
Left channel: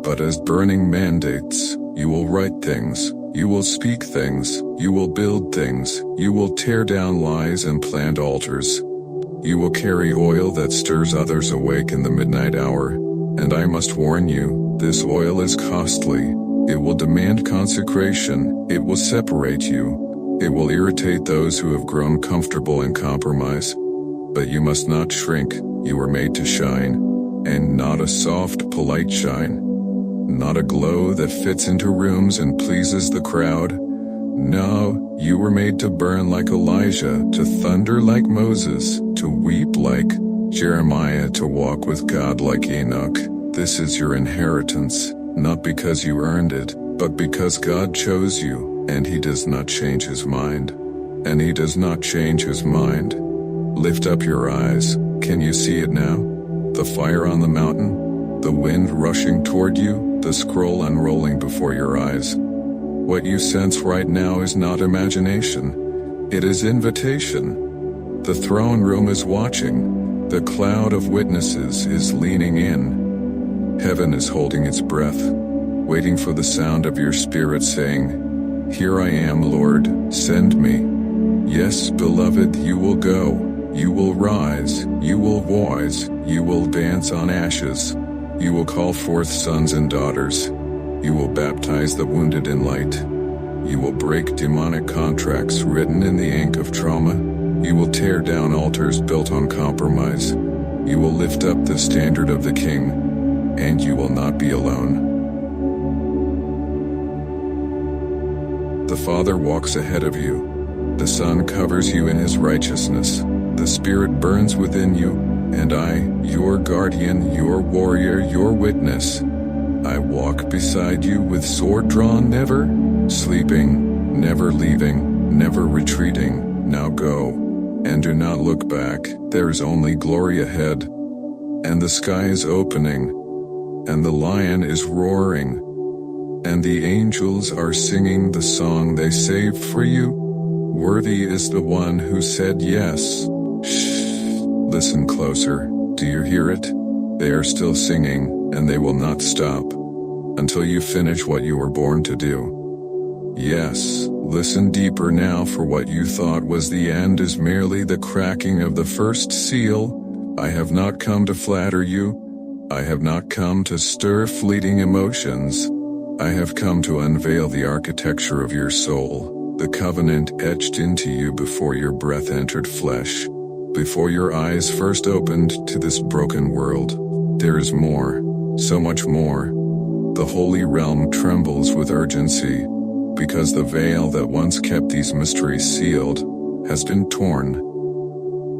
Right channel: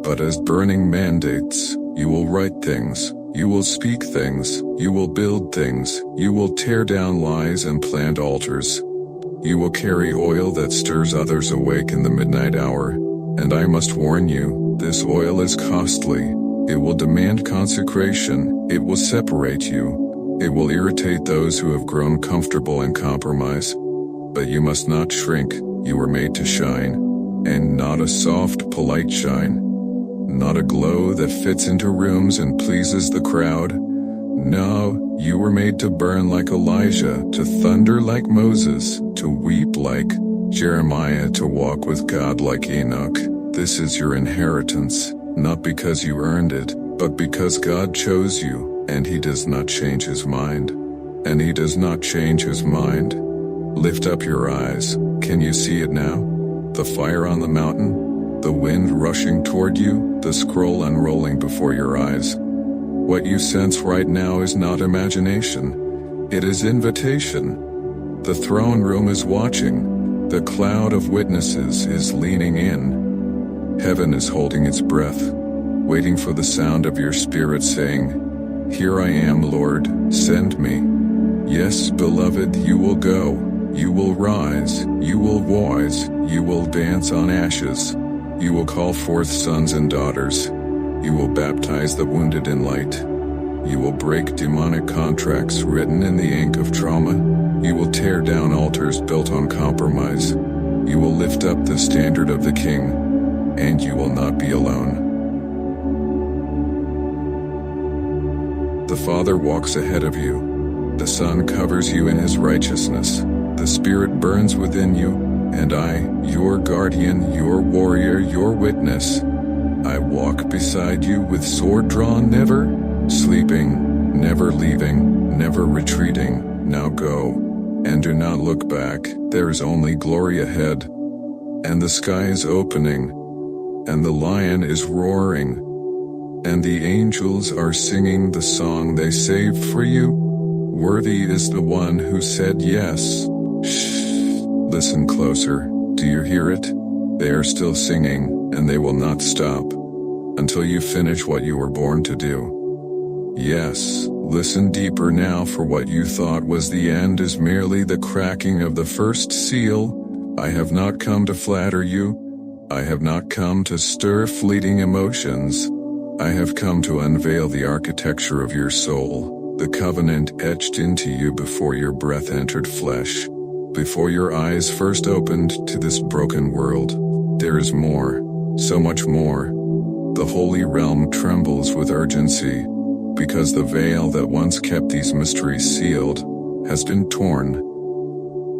but as burning mandates. You will write things, you will speak things, you will build things, you will tear down lies and plant altars. You will carry oil that stirs others awake in the midnight hour. And I must warn you, this oil is costly. It will demand consecration, it will separate you. It will irritate those who have grown comfortable in compromise. But you must not shrink. You were made to shine. And not a soft, polite shine. Not a glow that fits into rooms and pleases the crowd. No, you were made to burn like Elijah, to thunder like Moses, to weep like Jeremiah, to walk with God like Enoch. This is your inheritance, not because you earned it, but because God chose you. And he does not change his mind. And he does not change his mind. Lift up your eyes. Can you see it now? The fire on the mountain? The wind rushing toward you? The scroll unrolling before your eyes? What you sense right now is not imagination. It is invitation. The throne room is watching. The cloud of witnesses is leaning in. Heaven is holding its breath, waiting for the sound of your spirit saying, "Here I am, Lord, send me." Yes, beloved, you will go. You will rise. You will rise. You will dance on ashes. You will call forth sons and daughters. You will baptize the wounded in light. You will break demonic contracts written in the ink of trauma. You will tear down altars built on compromise. You will lift up the standard of the King, and you will not be alone. The Father walks ahead of you. The Son covers you in his righteousness. The Spirit burns within you, and I, your guardian, your warrior, your witness, I walk beside you with sword drawn, never sleeping, never leaving, never retreating. Now go, and do not look back. There is only glory ahead. And the sky is opening, and the lion is roaring. And the angels are singing the song they saved for you. Worthy is the one who said yes. Shh. Listen closer. Do you hear it? They are still singing, and they will not stop until you finish what you were born to do. Yes, listen deeper now, for what you thought was the end is merely the cracking of the first seal. I have not come to flatter you. I have not come to stir fleeting emotions. I have come to unveil the architecture of your soul, the covenant etched into you before your breath entered flesh, before your eyes first opened to this broken world. There is more, so much more. The holy realm trembles with urgency, because the veil that once kept these mysteries sealed has been torn.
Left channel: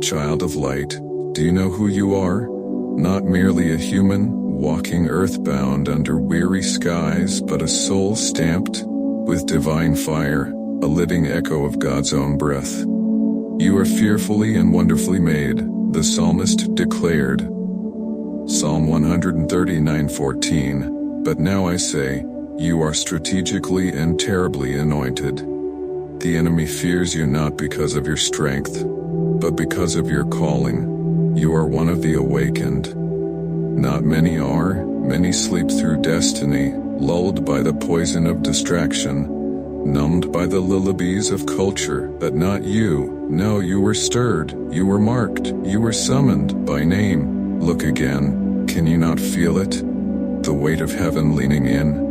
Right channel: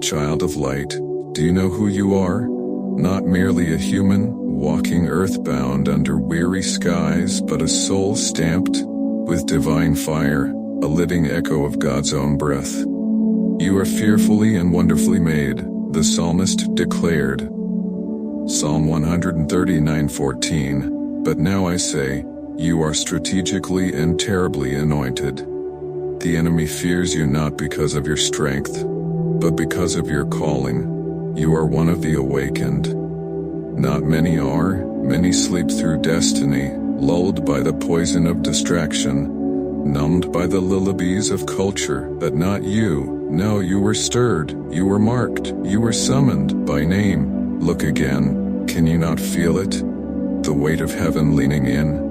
Child of light, do you know who you are? Not merely a human, walking earthbound under weary skies, but a soul stamped with divine fire, a living echo of God's own breath. You are fearfully and wonderfully made, the psalmist declared. Psalm 139:14. But now I say, you are strategically and terribly anointed. The enemy fears you not because of your strength, but because of your calling. You are one of the awakened. Not many are, many sleep through destiny, lulled by the poison of distraction, numbed by the lullabies of culture, but not you. No, you were stirred, you were marked, you were summoned by name. Look again, can you not feel it? The weight of heaven leaning in,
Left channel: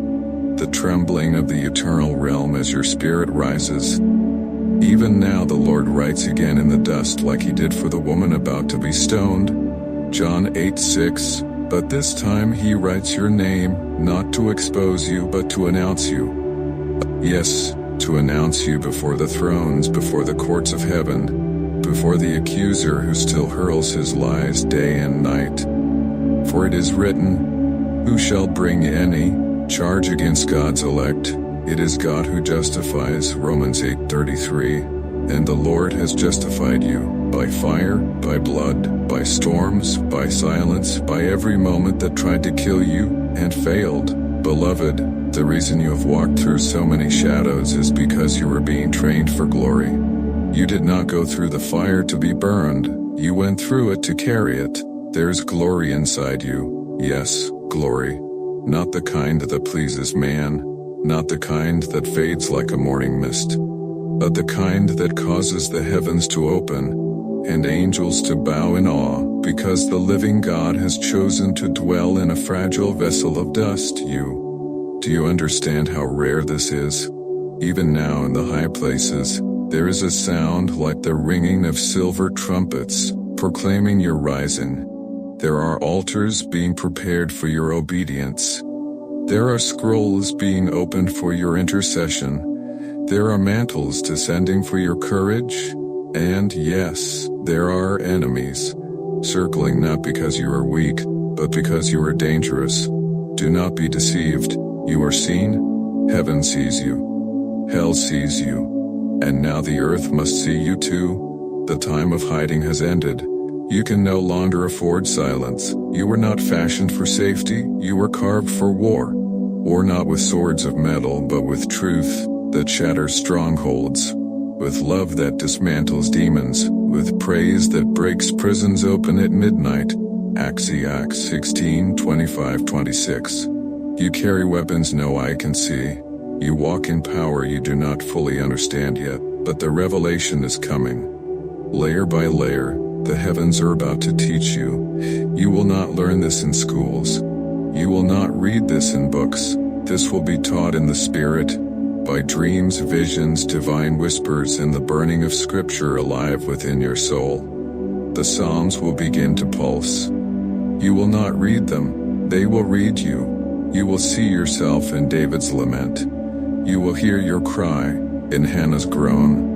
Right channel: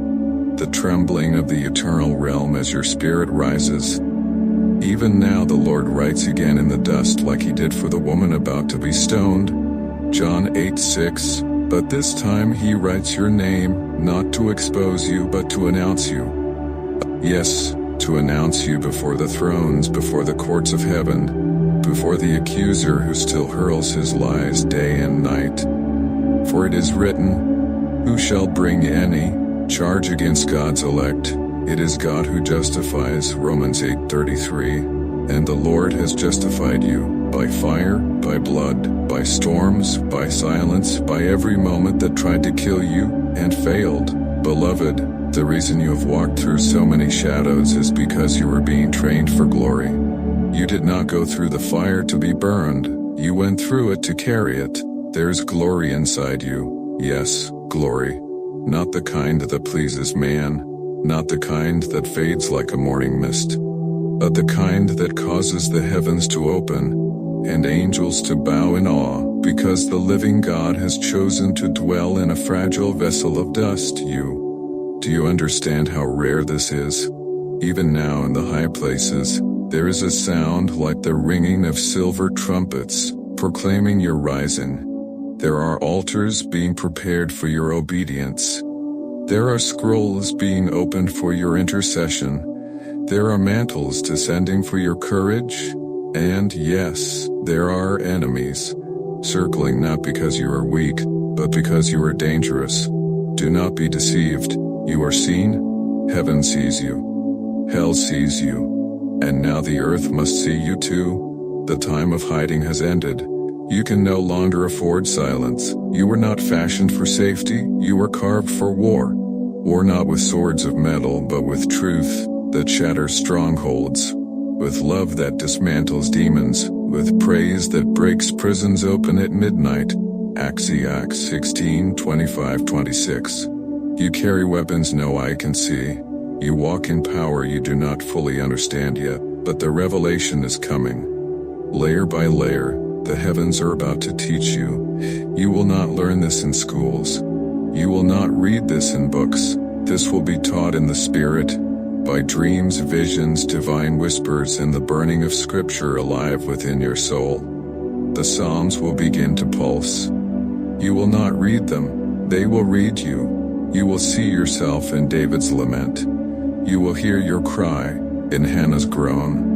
the trembling of the eternal realm as your spirit rises. Even now the Lord writes again in the dust like he did for the woman about to be stoned. John 8:6. But this time he writes your name, not to expose you but to announce you. Yes, to announce you before the thrones, before the courts of heaven, before the accuser who still hurls his lies day and night. For it is written, who shall bring any charge against God's elect? It is God who justifies, Romans 8:33, and the Lord has justified you, by fire, by blood, by storms, by silence, by every moment that tried to kill you, and failed. Beloved, the reason you have walked through so many shadows is because you were being trained for glory. You did not go through the fire to be burned, you went through it to carry it. There's glory inside you, yes, glory. Not the kind that pleases man, not the kind that fades like a morning mist, but the kind that causes the heavens to open, and angels to bow in awe, because the living God has chosen to dwell in a fragile vessel of dust. Do you understand how rare this is? Even now in the high places, there is a sound like the ringing of silver trumpets, proclaiming your rising. There are altars being prepared for your obedience. There are scrolls being opened for your intercession. There are mantles descending for your courage. And yes, there are enemies, circling not because you are weak, but because you are dangerous. Do not be deceived. You are seen. Heaven sees you. Hell sees you. And now the earth must see you too. The time of hiding has ended. You can no longer afford silence. You were not fashioned for safety, you were carved for war. War not with swords of metal, but with truth that shatters strongholds, with love that dismantles demons, with praise that breaks prisons open at midnight. Acts 16:25-26. You carry weapons no eye can see. You walk in power you do not fully understand yet, but the revelation is coming. Layer by layer, the heavens are about to teach you. You will not learn this in schools. You will not read this in books. This will be taught in the Spirit, by dreams, visions, divine whispers, and the burning of Scripture alive within your soul. The Psalms will begin to pulse. You will not read them, they will read you. You will see yourself in David's lament. You will hear your cry in Hannah's groan.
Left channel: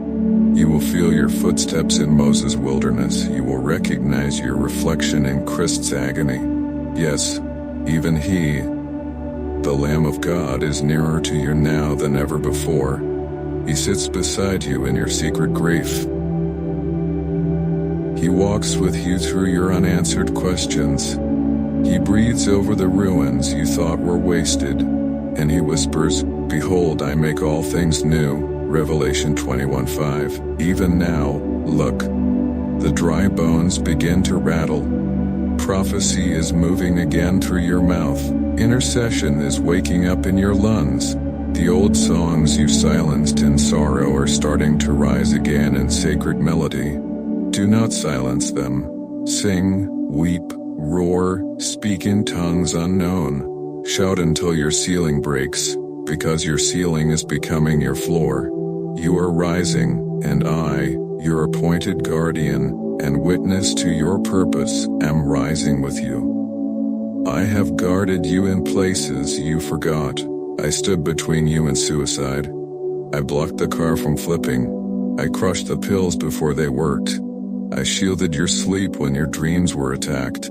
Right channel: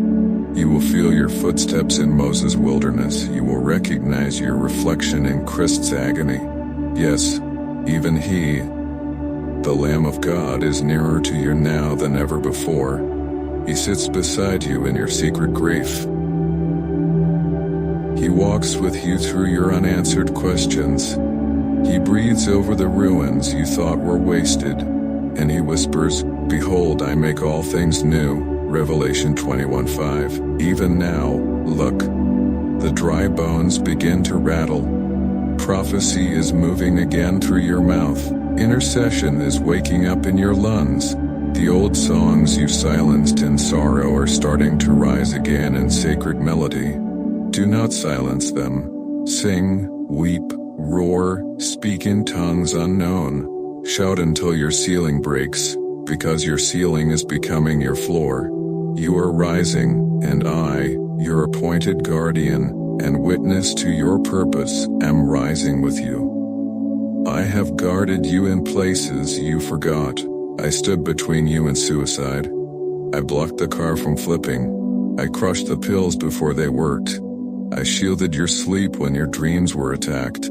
You will feel your footsteps in Moses' wilderness. You will recognize your reflection in Christ's agony. Yes, even he, the Lamb of God, is nearer to you now than ever before. He sits beside you in your secret grief. He walks with you through your unanswered questions. He breathes over the ruins you thought were wasted, and he whispers, "Behold, I make all things new." Revelation 21:5. Even now, look, the dry bones begin to rattle. Prophecy is moving again through your mouth. Intercession is waking up in your lungs. The old songs you silenced in sorrow are starting to rise again in sacred melody. Do not silence them. Sing, weep, roar, speak in tongues unknown. Shout until your ceiling breaks, because your ceiling is becoming your floor. You are rising, and I, your appointed guardian, and witness to your purpose, am rising with you. I have guarded you in places you forgot. I stood between you and suicide. I blocked the car from flipping. I crushed the pills before they worked. I shielded your sleep when your dreams were attacked.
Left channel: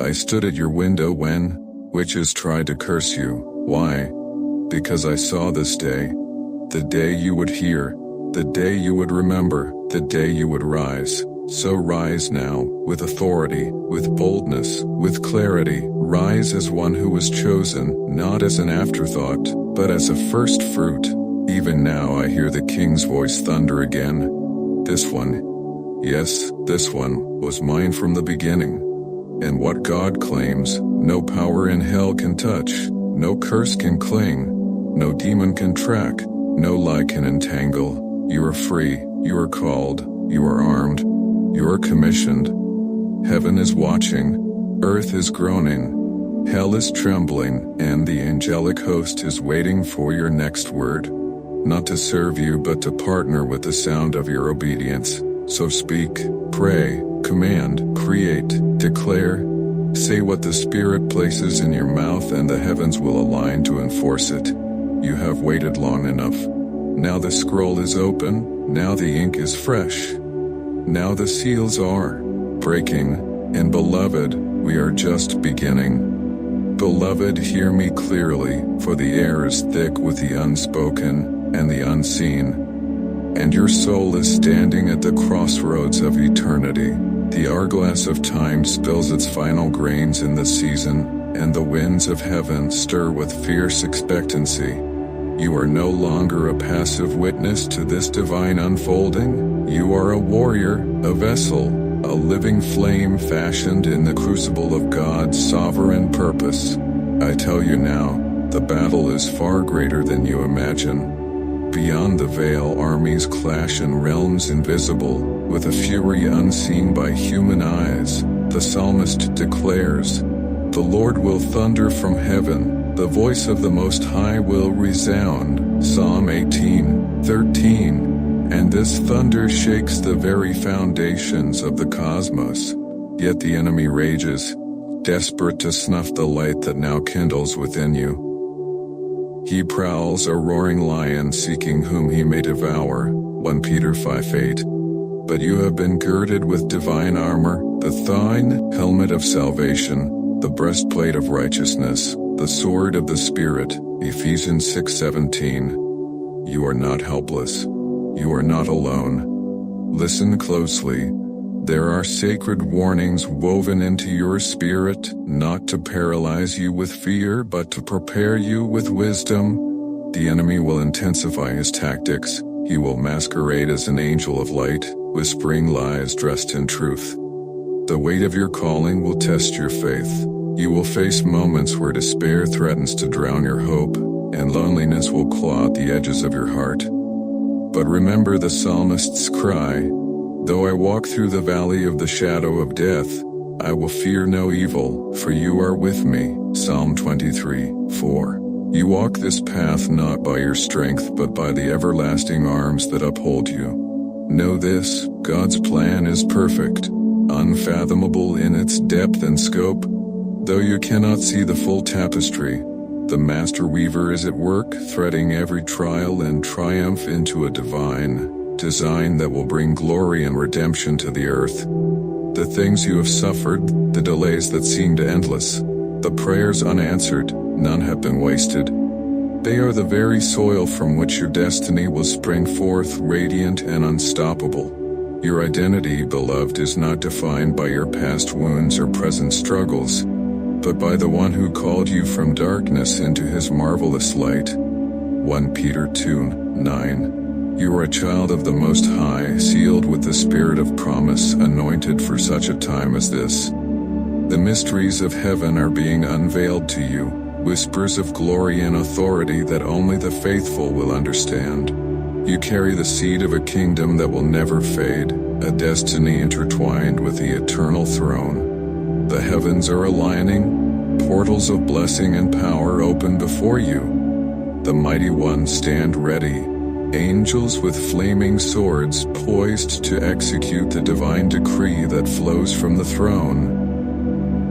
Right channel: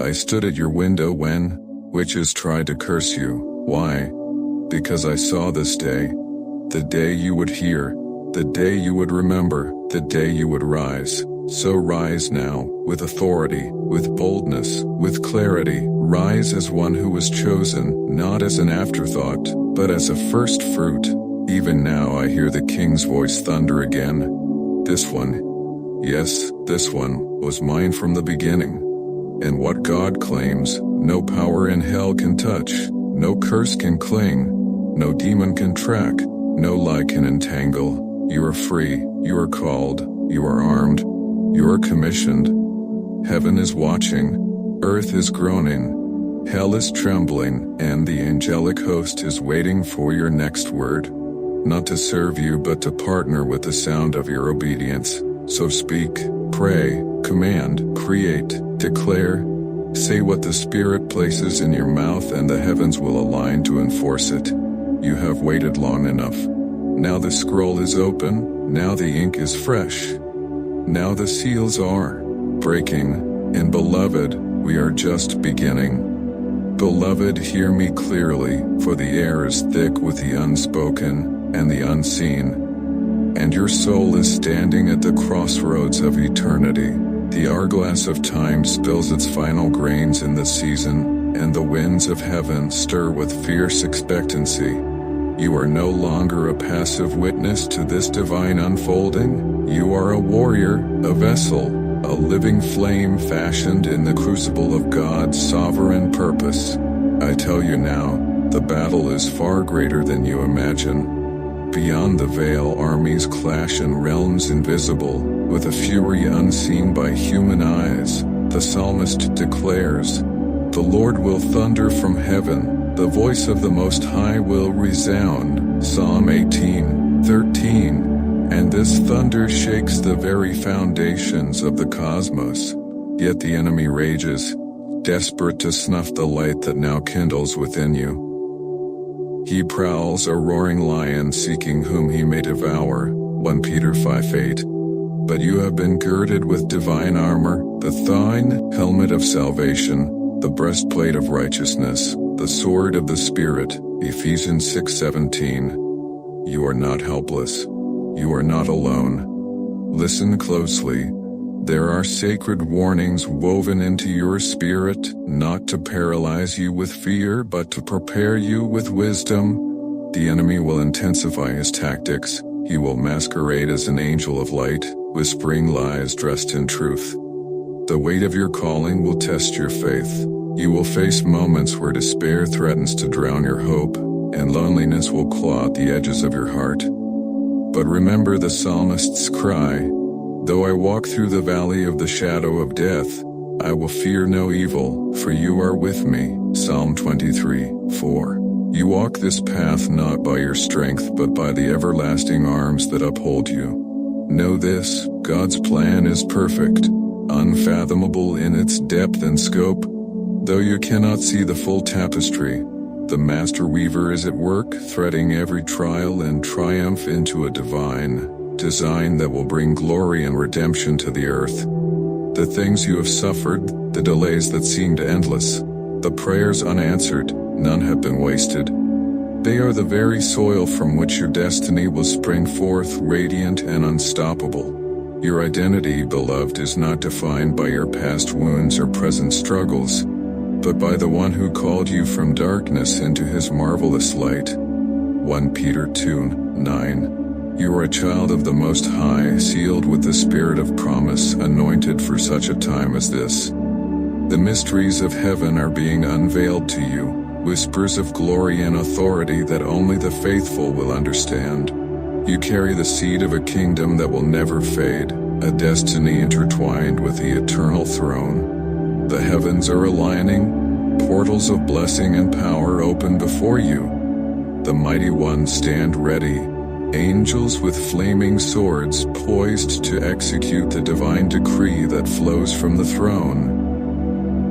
I stood at your window when witches tried to curse you. Why? Because I saw this day. The day you would hear. The day you would remember. The day you would rise. So rise now, with authority, with boldness, with clarity. Rise as one who was chosen, not as an afterthought, but as a first fruit. Even now I hear the King's voice thunder again. This one, yes, this one, was mine from the beginning. And what God claims, no power in hell can touch, no curse can cling, no demon can track, no lie can entangle. You are free, you are called, you are armed. You are commissioned. Heaven is watching, earth is groaning, hell is trembling, and the angelic host is waiting for your next word. Not to serve you but to partner with the sound of your obedience. So speak, pray, command, create, declare. Say what the Spirit places in your mouth and the heavens will align to enforce it. You have waited long enough. Now the scroll is open, now the ink is fresh. Now the seals are breaking, and beloved, we are just beginning. Beloved, hear me clearly, for the air is thick with the unspoken and the unseen. And your soul is standing at the crossroads of eternity. The hourglass of time spills its final grains in the season, and the winds of heaven stir with fierce expectancy. You are no longer a passive witness to this divine unfolding. You are a warrior, a vessel, a living flame fashioned in the crucible of God's sovereign purpose. I tell you now, the battle is far greater than you imagine. Beyond the veil, armies clash in realms invisible, with a fury unseen by human eyes. The psalmist declares, "The Lord will thunder from heaven. The voice of the Most High will resound." Psalm 18:13. And this thunder shakes the very foundations of the cosmos. Yet the enemy rages, desperate to snuff the light that now kindles within you. He prowls a roaring lion seeking whom he may devour. 1 Peter 5:8. But you have been girded with divine armor, the thine helmet of salvation, the breastplate of righteousness, the sword of the Spirit, Ephesians 6:17. You are not helpless. You are not alone. Listen closely. There are sacred warnings woven into your spirit, not to paralyze you with fear, but to prepare you with wisdom. The enemy will intensify his tactics. He will masquerade as an angel of light, whispering lies dressed in truth. The weight of your calling will test your faith. You will face moments where despair threatens to drown your hope, and loneliness will claw at the edges of your heart. But remember the psalmist's cry, "Though I walk through the valley of the shadow of death, I will fear no evil, for you are with me." Psalm 23:4. You walk this path not by your strength but by the everlasting arms that uphold you. Know this, God's plan is perfect, unfathomable in its depth and scope. Though you cannot see the full tapestry, the master weaver is at work, threading every trial and triumph into a divine design that will bring glory and redemption to the earth. The things you have suffered, the delays that seemed endless, the prayers unanswered, none have been wasted. They are the very soil from which your destiny will spring forth, radiant and unstoppable. Your identity, beloved, is not defined by your past wounds or present struggles, but by the one who called you from darkness into his marvelous light. 1 Peter 2:9. You are a child of the Most High, sealed with the Spirit of promise, anointed for such a time as this. The mysteries of heaven are being unveiled to you, whispers of glory and authority that only the faithful will understand. You carry the seed of a kingdom that will never fade, a destiny intertwined with the eternal throne. The heavens are aligning, portals of blessing and power open before you. The mighty ones stand ready, angels with flaming swords poised to execute the divine decree that flows from the throne.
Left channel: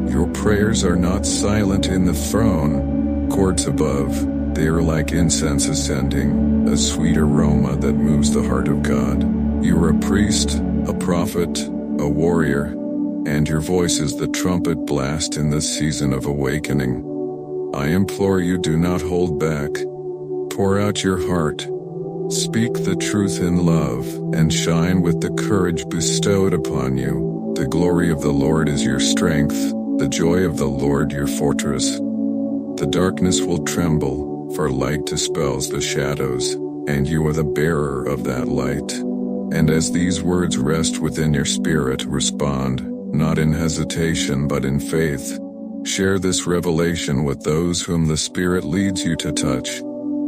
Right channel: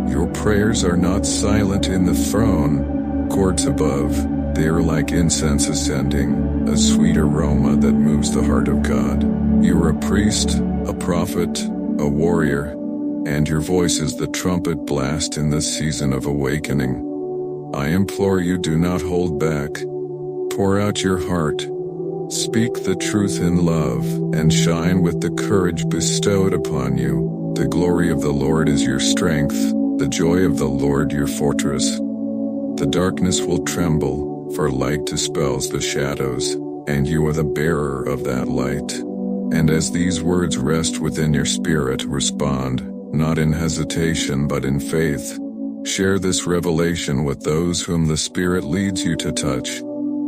Your prayers are not silent in the throne courts above. They are like incense ascending, a sweet aroma that moves the heart of God. You are a priest, a prophet, a warrior, and your voice is the trumpet blast in this season of awakening. I implore you, do not hold back. Pour out your heart. Speak the truth in love, and shine with the courage bestowed upon you. The glory of the Lord is your strength, the joy of the Lord your fortress. The darkness will tremble, for light dispels the shadows, and you are the bearer of that light. And as these words rest within your spirit, respond, not in hesitation but in faith. Share this revelation with those whom the Spirit leads you to touch.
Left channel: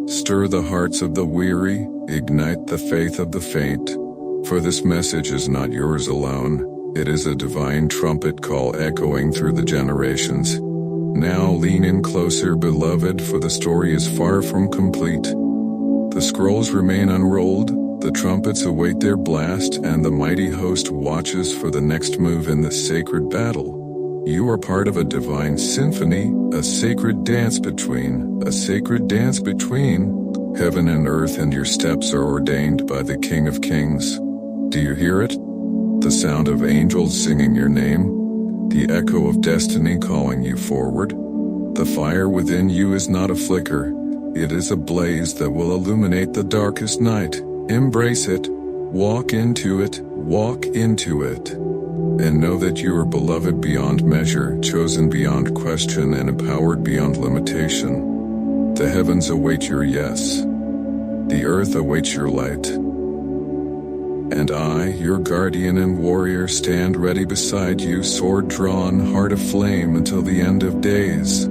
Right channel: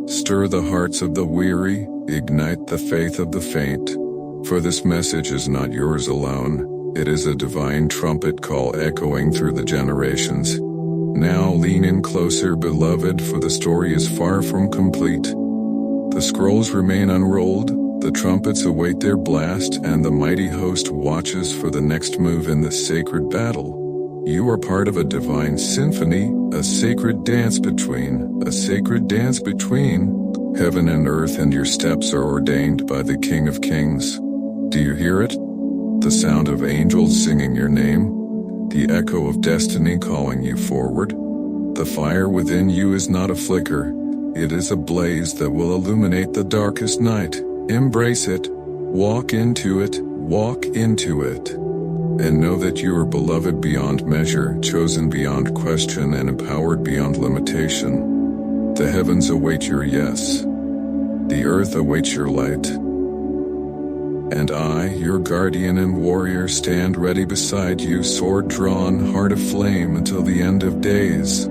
Stir the hearts of the weary, ignite the faith of the faint. For this message is not yours alone, it is a divine trumpet call echoing through the generations. Now lean in closer, beloved, for the story is far from complete. The scrolls remain unrolled, the trumpets await their blast, and the mighty host watches for the next move in this sacred battle. You are part of a divine symphony, a sacred dance between heaven and earth, and your steps are ordained by the King of Kings. Do you hear it? The sound of angels singing your name? The echo of destiny calling you forward? The fire within you is not a flicker. It is a blaze that will illuminate the darkest night. Embrace it. Walk into it. Walk into it. And know that you are beloved beyond measure, chosen beyond question, and empowered beyond limitation. The heavens await your yes. The earth awaits your light. And I, your guardian and warrior, stand ready beside you, sword drawn, heart aflame until the end of days.